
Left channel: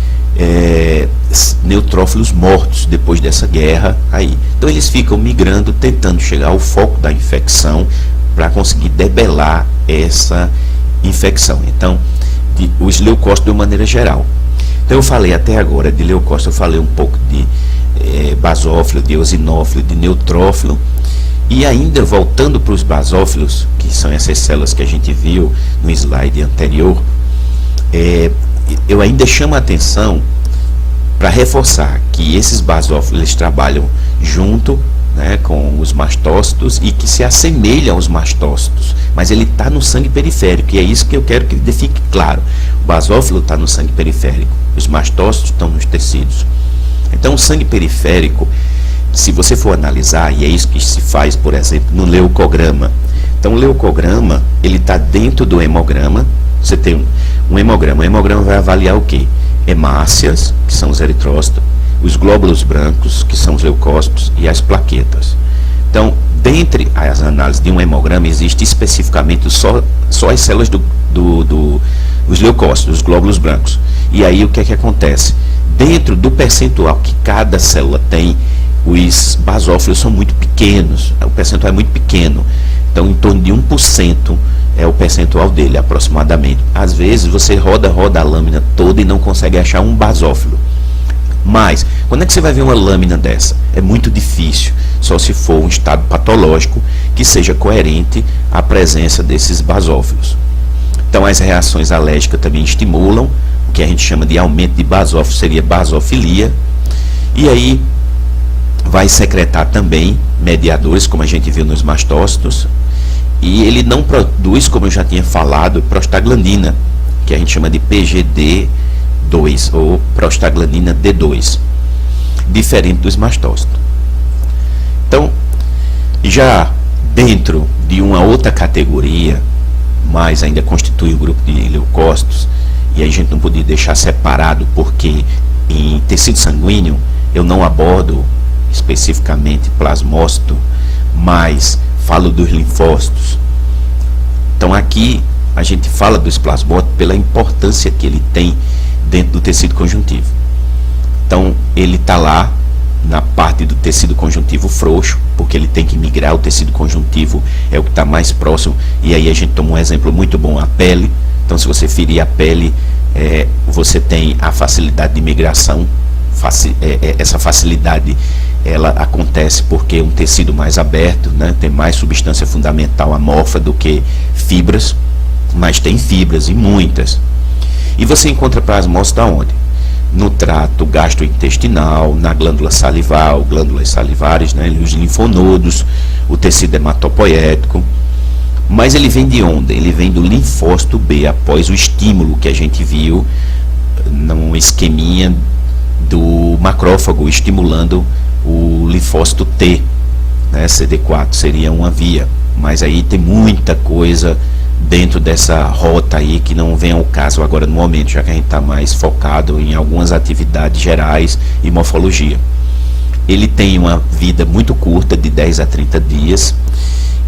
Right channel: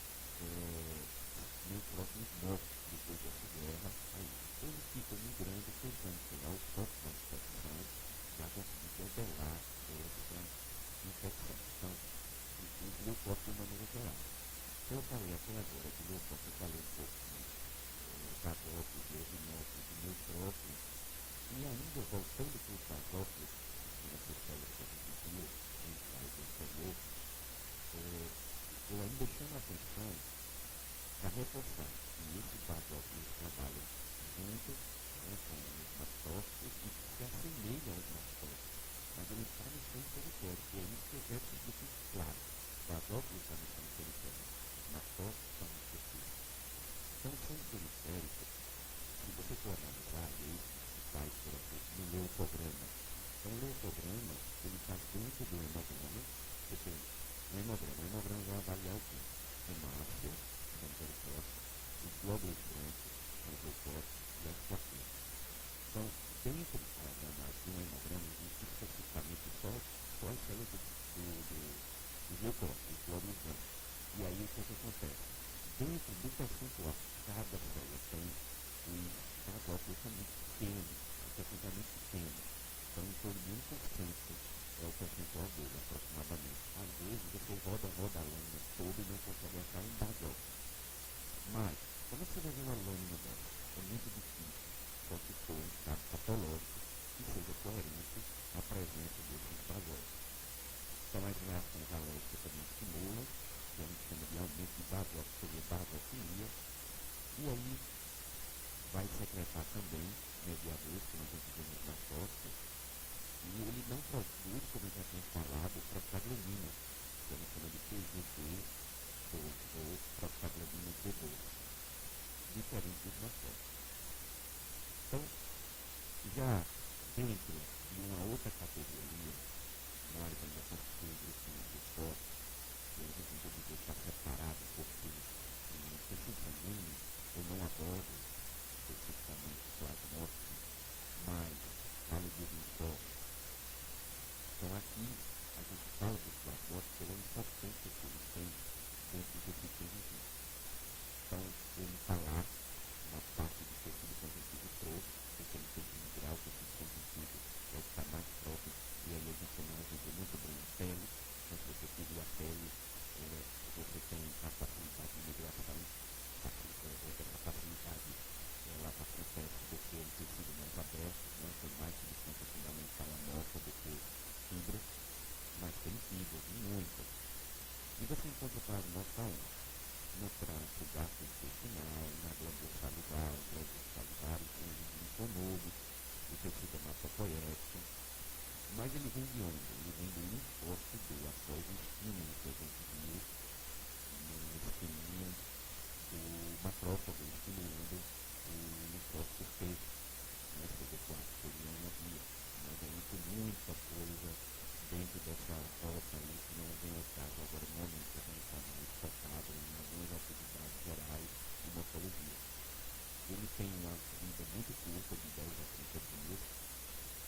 neutrófilos mortos depois dessa guerra aí. Então eles ficam migrando, tentando chegar ao foco da infecção para conseguir debelar essa infecção. Então, os leucócitos de uma maneira geral. Então eu falei até agora de leucócito, eu falei um pouco de basófilo, de eosinófilo, de neutrófilo, e ainda voltando para os basófilos, que são essas células que a gente viu no slide anterior, eu ainda chamo a atenção para reforçar que esses basófilos eles trabalham junto, né, com os mastócitos e que se assemelham aos mastócitos, mas ele está no sangue periférico, e é isso que eu quero que fique claro. O basófilo está no sangue periférico, os mastócitos estão nos tecidos. Então o sangue periférico, se você for analisar, e é isso que se faz, por exemplo, no leucograma. Então o leucograma, ele está dentro do hemograma. Você tem um hemograma. O hemograma vai avaliar o quê? Hemácias, que são os eritrócitos, os glóbulos brancos, que são os leucócitos, e as plaquetas. Então, dentre as análises de um hemograma, existe especificamente só as células os leucócitos, os glóbulos brancos. E aí o que é que acontece? Dentro do percentual que cada célula tem, os basófilos são muito pequenos, o percentual é muito pequeno. Então, em torno de 1% é o percentual dele, aproximadamente. Às vezes, você roda a lâmina toda e não consegue achar um basófilo. Mas, quando é que você vai ver uma lâmina dessa? É muito difícil, só se for um estado patológico que seja coerente à presença desses basófilos. Então, as reações alérgicas também estimulam, o que a gente chama de aumento de basófilo, seria basofilia. E aí, vai secretar também mediadores, como a gente viu nos mastócitos, e ele não produz, como eu já tinha falado, prostaglandina, que a gente chama de PGD2, ou prostaglandina D2, diferente dos mastócitos. Então, já dentro de uma outra categoria, mas ainda constitui o grupo de leucócitos, e a gente não podia deixar separado, porque em tecido sanguíneo eu não abordo especificamente plasmócito, mas falo dos linfócitos. Então aqui a gente fala dos plasmócitos pela importância que ele tem dentro do tecido conjuntivo. Então ele está lá na parte do tecido conjuntivo frouxo, porque ele tem que migrar, o tecido conjuntivo é o que está mais próximo, e aí a gente toma um exemplo muito bom, a pele. Então se você ferir a pele, você tem a facilidade de migração, essa facilidade ela acontece porque é um tecido mais aberto, né? Tem mais substância fundamental amorfa do que fibras, mas tem fibras e muitas. E você encontra plasmócito aonde? No trato gastrointestinal, na glândula salival, glândulas salivares, né? Os linfonodos, o tecido hematopoético. Mas ele vem de onde? Ele vem do linfócito B, após o estímulo que a gente viu no esqueminha do macrófago, estimulando o linfócito T, né? CD4 seria uma via, mas aí tem muita coisa dentro dessa rota aí que não vem ao caso agora no momento, já que a gente está mais focado em algumas atividades gerais e morfologia. Ele tem uma vida muito curta, de 10 a 30 dias,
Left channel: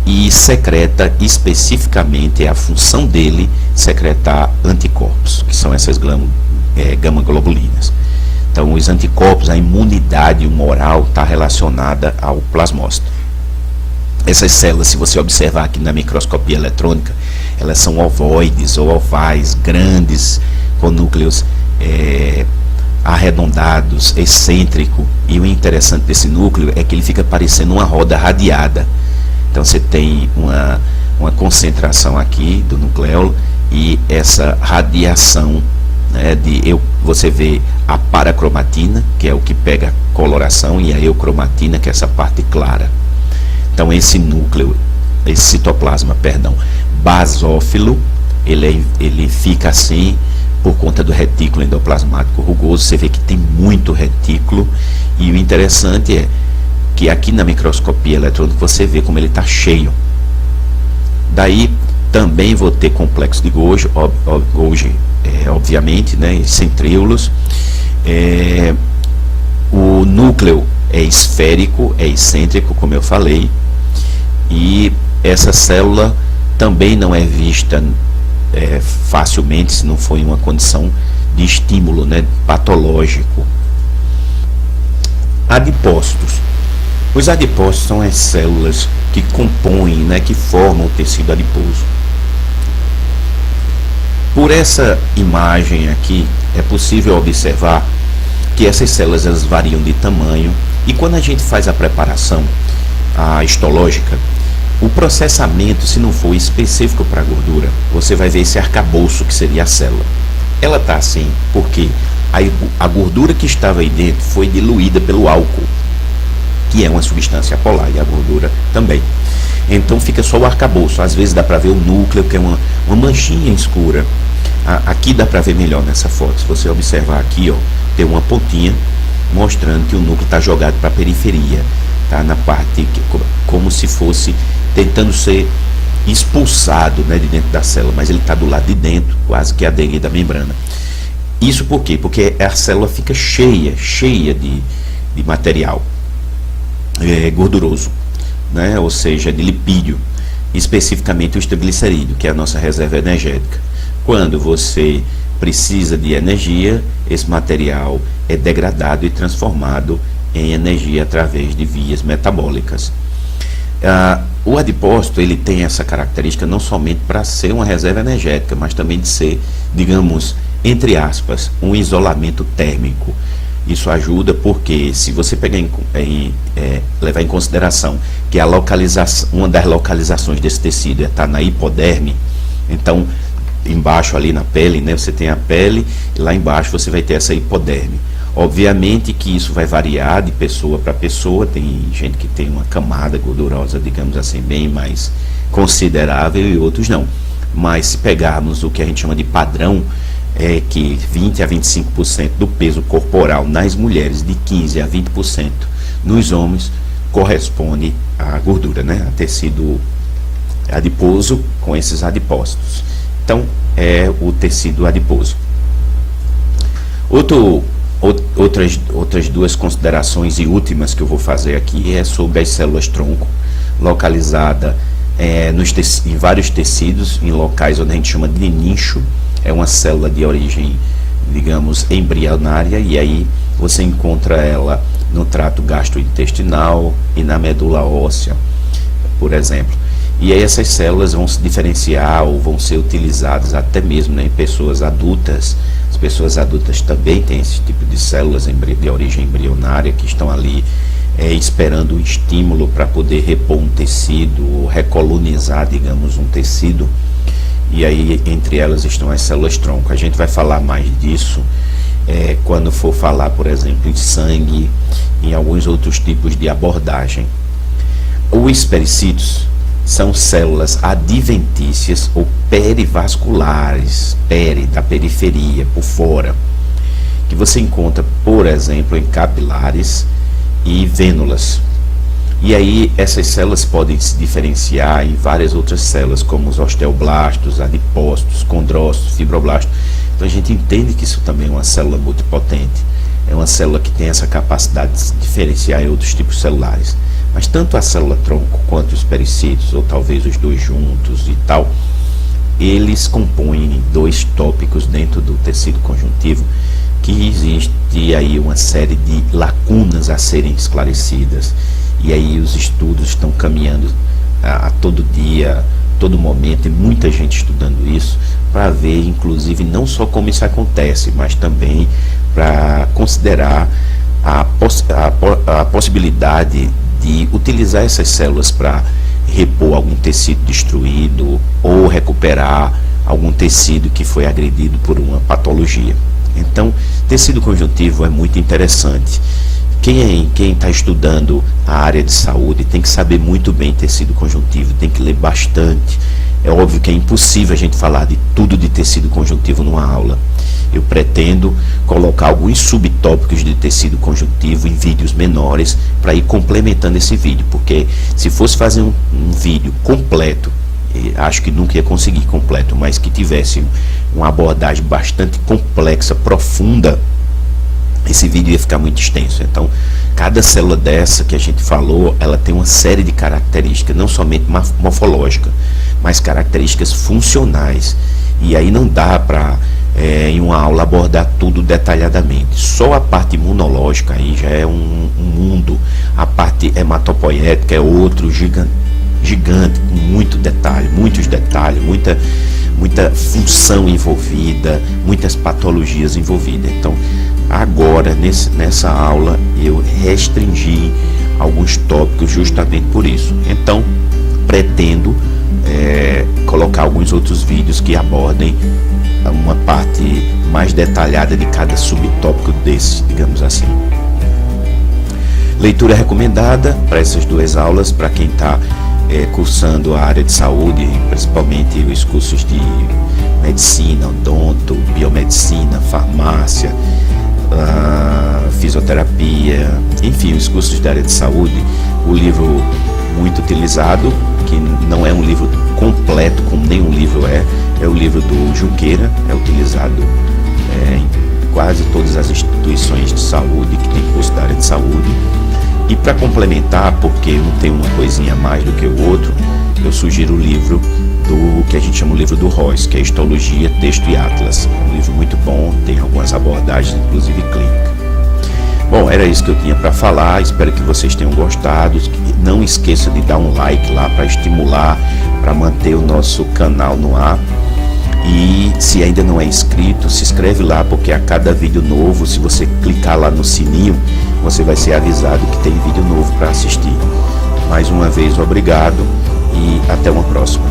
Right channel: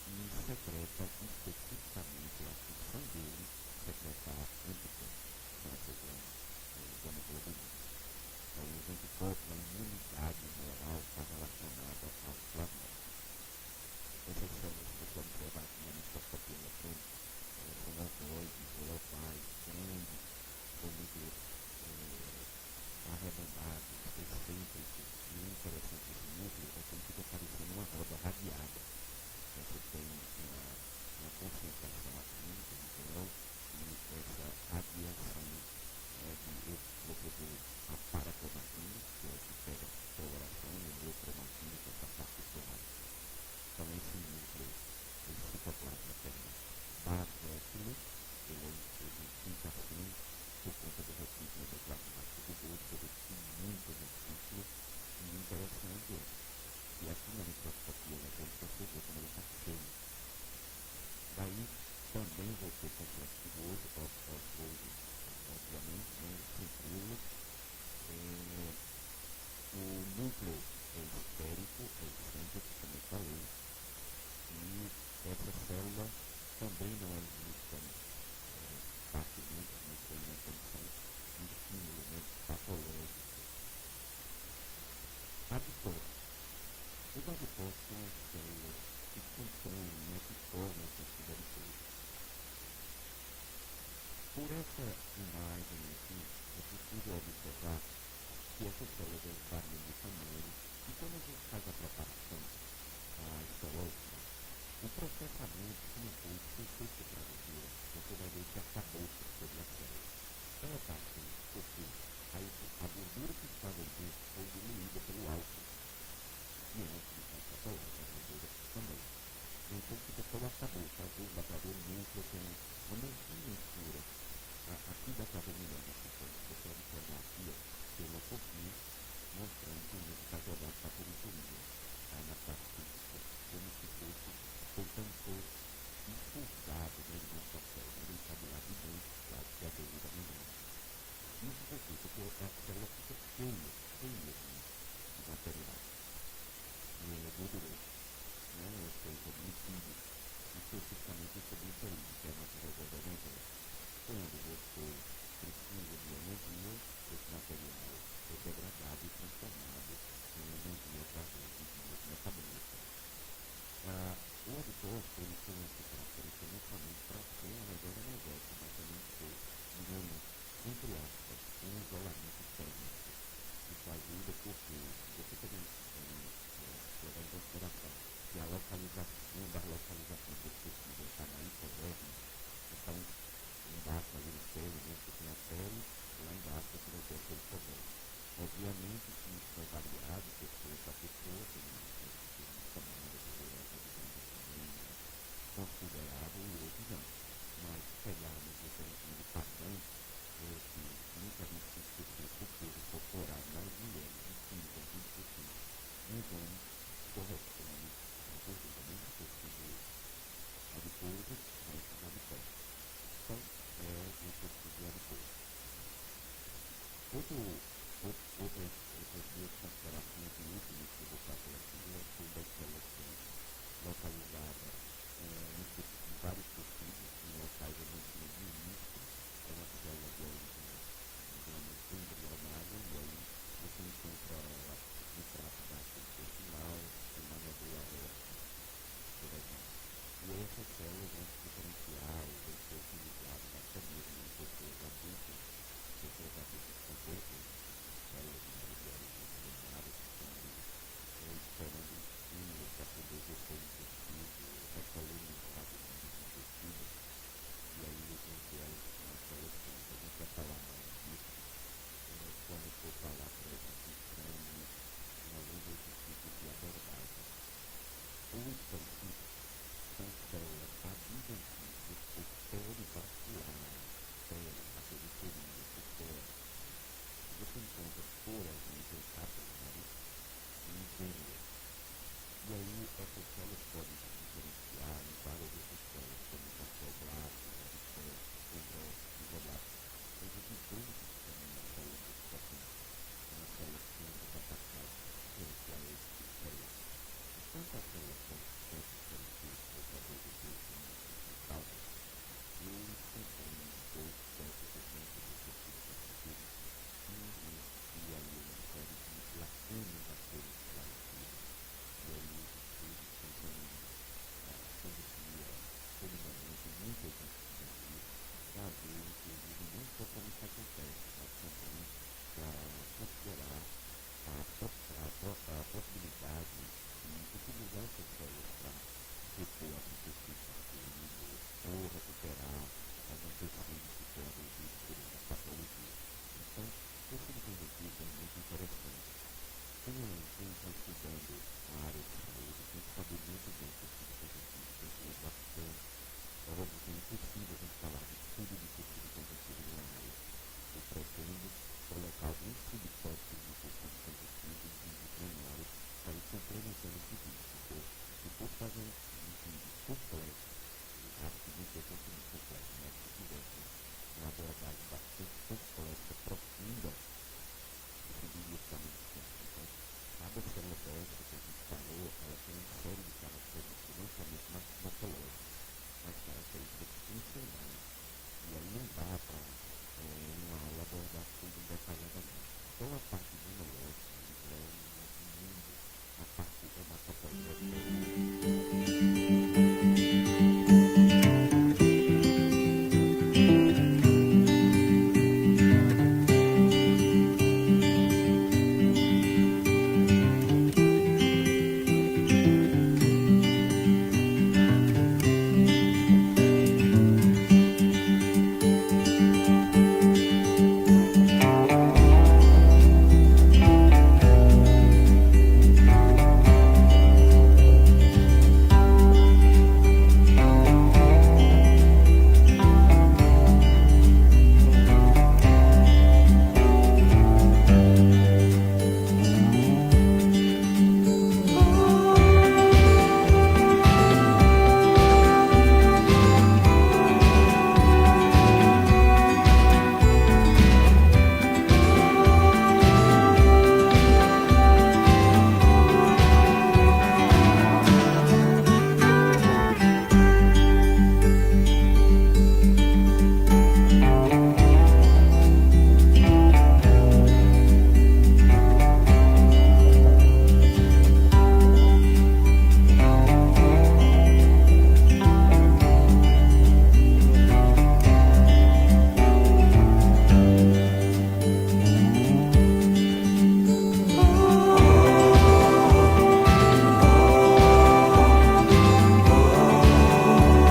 e secreta especificamente, a função dele, secretar anticorpos, que são essas gama-globulinas. Então, os anticorpos, a imunidade humoral está relacionada ao plasmócito. Essas células, se você observar aqui na microscopia eletrônica, elas são ovoides ou ovais, grandes, com núcleos arredondados, excêntrico. E o interessante desse núcleo é que ele fica parecendo uma roda radiada. Então, você tem uma concentração aqui do nucleolo e essa radiação, né, você vê a paracromatina, que é o que pega a coloração, e a eucromatina, que é essa parte clara. Então esse núcleo, esse citoplasma, basófilo, ele fica assim por conta do retículo endoplasmático rugoso. Você vê que tem muito retículo, e o interessante é que aqui na microscopia eletrônica você vê como ele está cheio. Daí também vou ter complexo de Golgi, obviamente, né, centríolos. O núcleo é esférico, é excêntrico, como eu falei, e essa célula também não é vista facilmente se não for em uma condição de estímulo, né, patológico. Adipócitos. Os adipócitos são as células que compõem, né, que formam o tecido adiposo. Por essa imagem aqui, é possível observar que essas células elas variam de tamanho, e quando a gente faz a preparação histológica, o processamento, se não for específico para a gordura, você vai ver esse arcabouço que seria a célula. Ela está assim porque a gordura que estava aí dentro foi diluída pelo álcool, que é uma substância polar, e a gordura também. Então fica só o arcabouço. Às vezes dá para ver o núcleo, que é uma manchinha escura. Aqui dá para ver melhor nessa foto. Se você observar aqui, ó, tem uma pontinha mostrando que o núcleo está jogado para a periferia, tá? Na parte como se fosse tentando ser expulsado, né, de dentro da célula, mas ele está do lado de dentro, quase que aderido à membrana. Isso por quê? Porque a célula fica cheia de material gorduroso, né? Ou seja, de lipídio, especificamente o glicerídeo, que é a nossa reserva energética. Quando você precisa de energia, esse material é degradado e transformado em energia através de vias metabólicas. O adipócito ele tem essa característica não somente para ser uma reserva energética, mas também de ser, digamos, entre aspas, um isolamento térmico. Isso ajuda porque, se você pegar levar em consideração que uma das localizações desse tecido está na hipoderme, então embaixo ali na pele, né, você tem a pele, e lá embaixo você vai ter essa hipoderme. Obviamente que isso vai variar de pessoa para pessoa, tem gente que tem uma camada gordurosa, digamos assim, bem mais considerável, e outros não. Mas se pegarmos o que a gente chama de padrão, é que 20 a 25% do peso corporal nas mulheres, de 15 a 20% nos homens, corresponde à gordura, né? A tecido adiposo com esses adipócitos. Então, é o tecido adiposo. Outras duas considerações e últimas que eu vou fazer aqui é sobre as células tronco, localizada em vários tecidos, em locais onde a gente chama de nicho. É uma célula de origem, digamos, embrionária, e aí você encontra ela no trato gastrointestinal e na medula óssea, por exemplo. E aí essas células vão se diferenciar ou vão ser utilizadas até mesmo, né, em pessoas adultas. As pessoas adultas também têm esse tipo de células de origem embrionária que estão ali esperando um estímulo para poder repor um tecido, ou recolonizar, digamos, um tecido. E aí entre elas estão as células tronco. A gente vai falar mais disso quando for falar, por exemplo, em sangue, em alguns outros tipos de abordagem. Os pericítios são células adventícias ou perivasculares, da periferia, por fora, que você encontra, por exemplo, em capilares e vênulas. E aí essas células podem se diferenciar em várias outras células, como os osteoblastos, adipócitos, condrócitos, fibroblastos. Então a gente entende que isso também é uma célula multipotente. É uma célula que tem essa capacidade de se diferenciar em outros tipos celulares. Mas tanto a célula tronco quanto os pericítios, ou talvez os dois juntos e tal, eles compõem dois tópicos dentro do tecido conjuntivo, que existe aí uma série de lacunas a serem esclarecidas. E aí os estudos estão caminhando a todo dia, todo momento, e muita gente estudando isso, para ver, inclusive, não só como isso acontece, mas também para considerar a possibilidade de utilizar essas células para repor algum tecido destruído ou recuperar algum tecido que foi agredido por uma patologia. Então, tecido conjuntivo é muito interessante. Quem está estudando a área de saúde tem que saber muito bem tecido conjuntivo, tem que ler bastante. É óbvio que é impossível a gente falar de tudo de tecido conjuntivo numa aula. Eu pretendo colocar alguns subtópicos de tecido conjuntivo em vídeos menores para ir complementando esse vídeo, porque se fosse fazer um vídeo completo, acho que nunca ia conseguir completo, mas que tivesse uma abordagem bastante complexa, profunda, esse vídeo ia ficar muito extenso. Então, cada célula dessa que a gente falou, ela tem uma série de características, não somente morfológicas, mas características funcionais. E aí não dá para em uma aula abordar tudo detalhadamente. Só a parte imunológica aí já é um mundo, a parte hematopoética é outro gigante, com muito detalhe, muitos detalhes, muita função envolvida, muitas patologias envolvidas. Então, agora, nessa aula, eu restringi alguns tópicos justamente por isso. Então, pretendo colocar alguns outros vídeos que abordem uma parte mais detalhada de cada subtópico desse, digamos assim. Leitura recomendada para essas duas aulas, para quem está cursando a área de saúde, principalmente os cursos de medicina, odonto, biomedicina, farmácia, fisioterapia, enfim, os cursos da área de saúde. O livro muito utilizado, que não é um livro completo, como nenhum livro é o livro do Junqueira, é utilizado em quase todas as instituições de saúde que tem curso da área de saúde. E para complementar, porque um tem uma coisinha a mais do que o outro, eu sugiro o livro do que a gente chama o livro do Royce, que é Histologia, Texto e Atlas. Um livro muito bom, tem algumas abordagens, inclusive clínica. Bom, era isso que eu tinha para falar, espero que vocês tenham gostado. Não esqueça de dar um like lá para estimular, para manter o nosso canal no ar. E se ainda não é inscrito, se inscreve lá, porque a cada vídeo novo, se você clicar lá no sininho, você vai ser avisado que tem vídeo novo para assistir. Mais uma vez, obrigado e até uma próxima.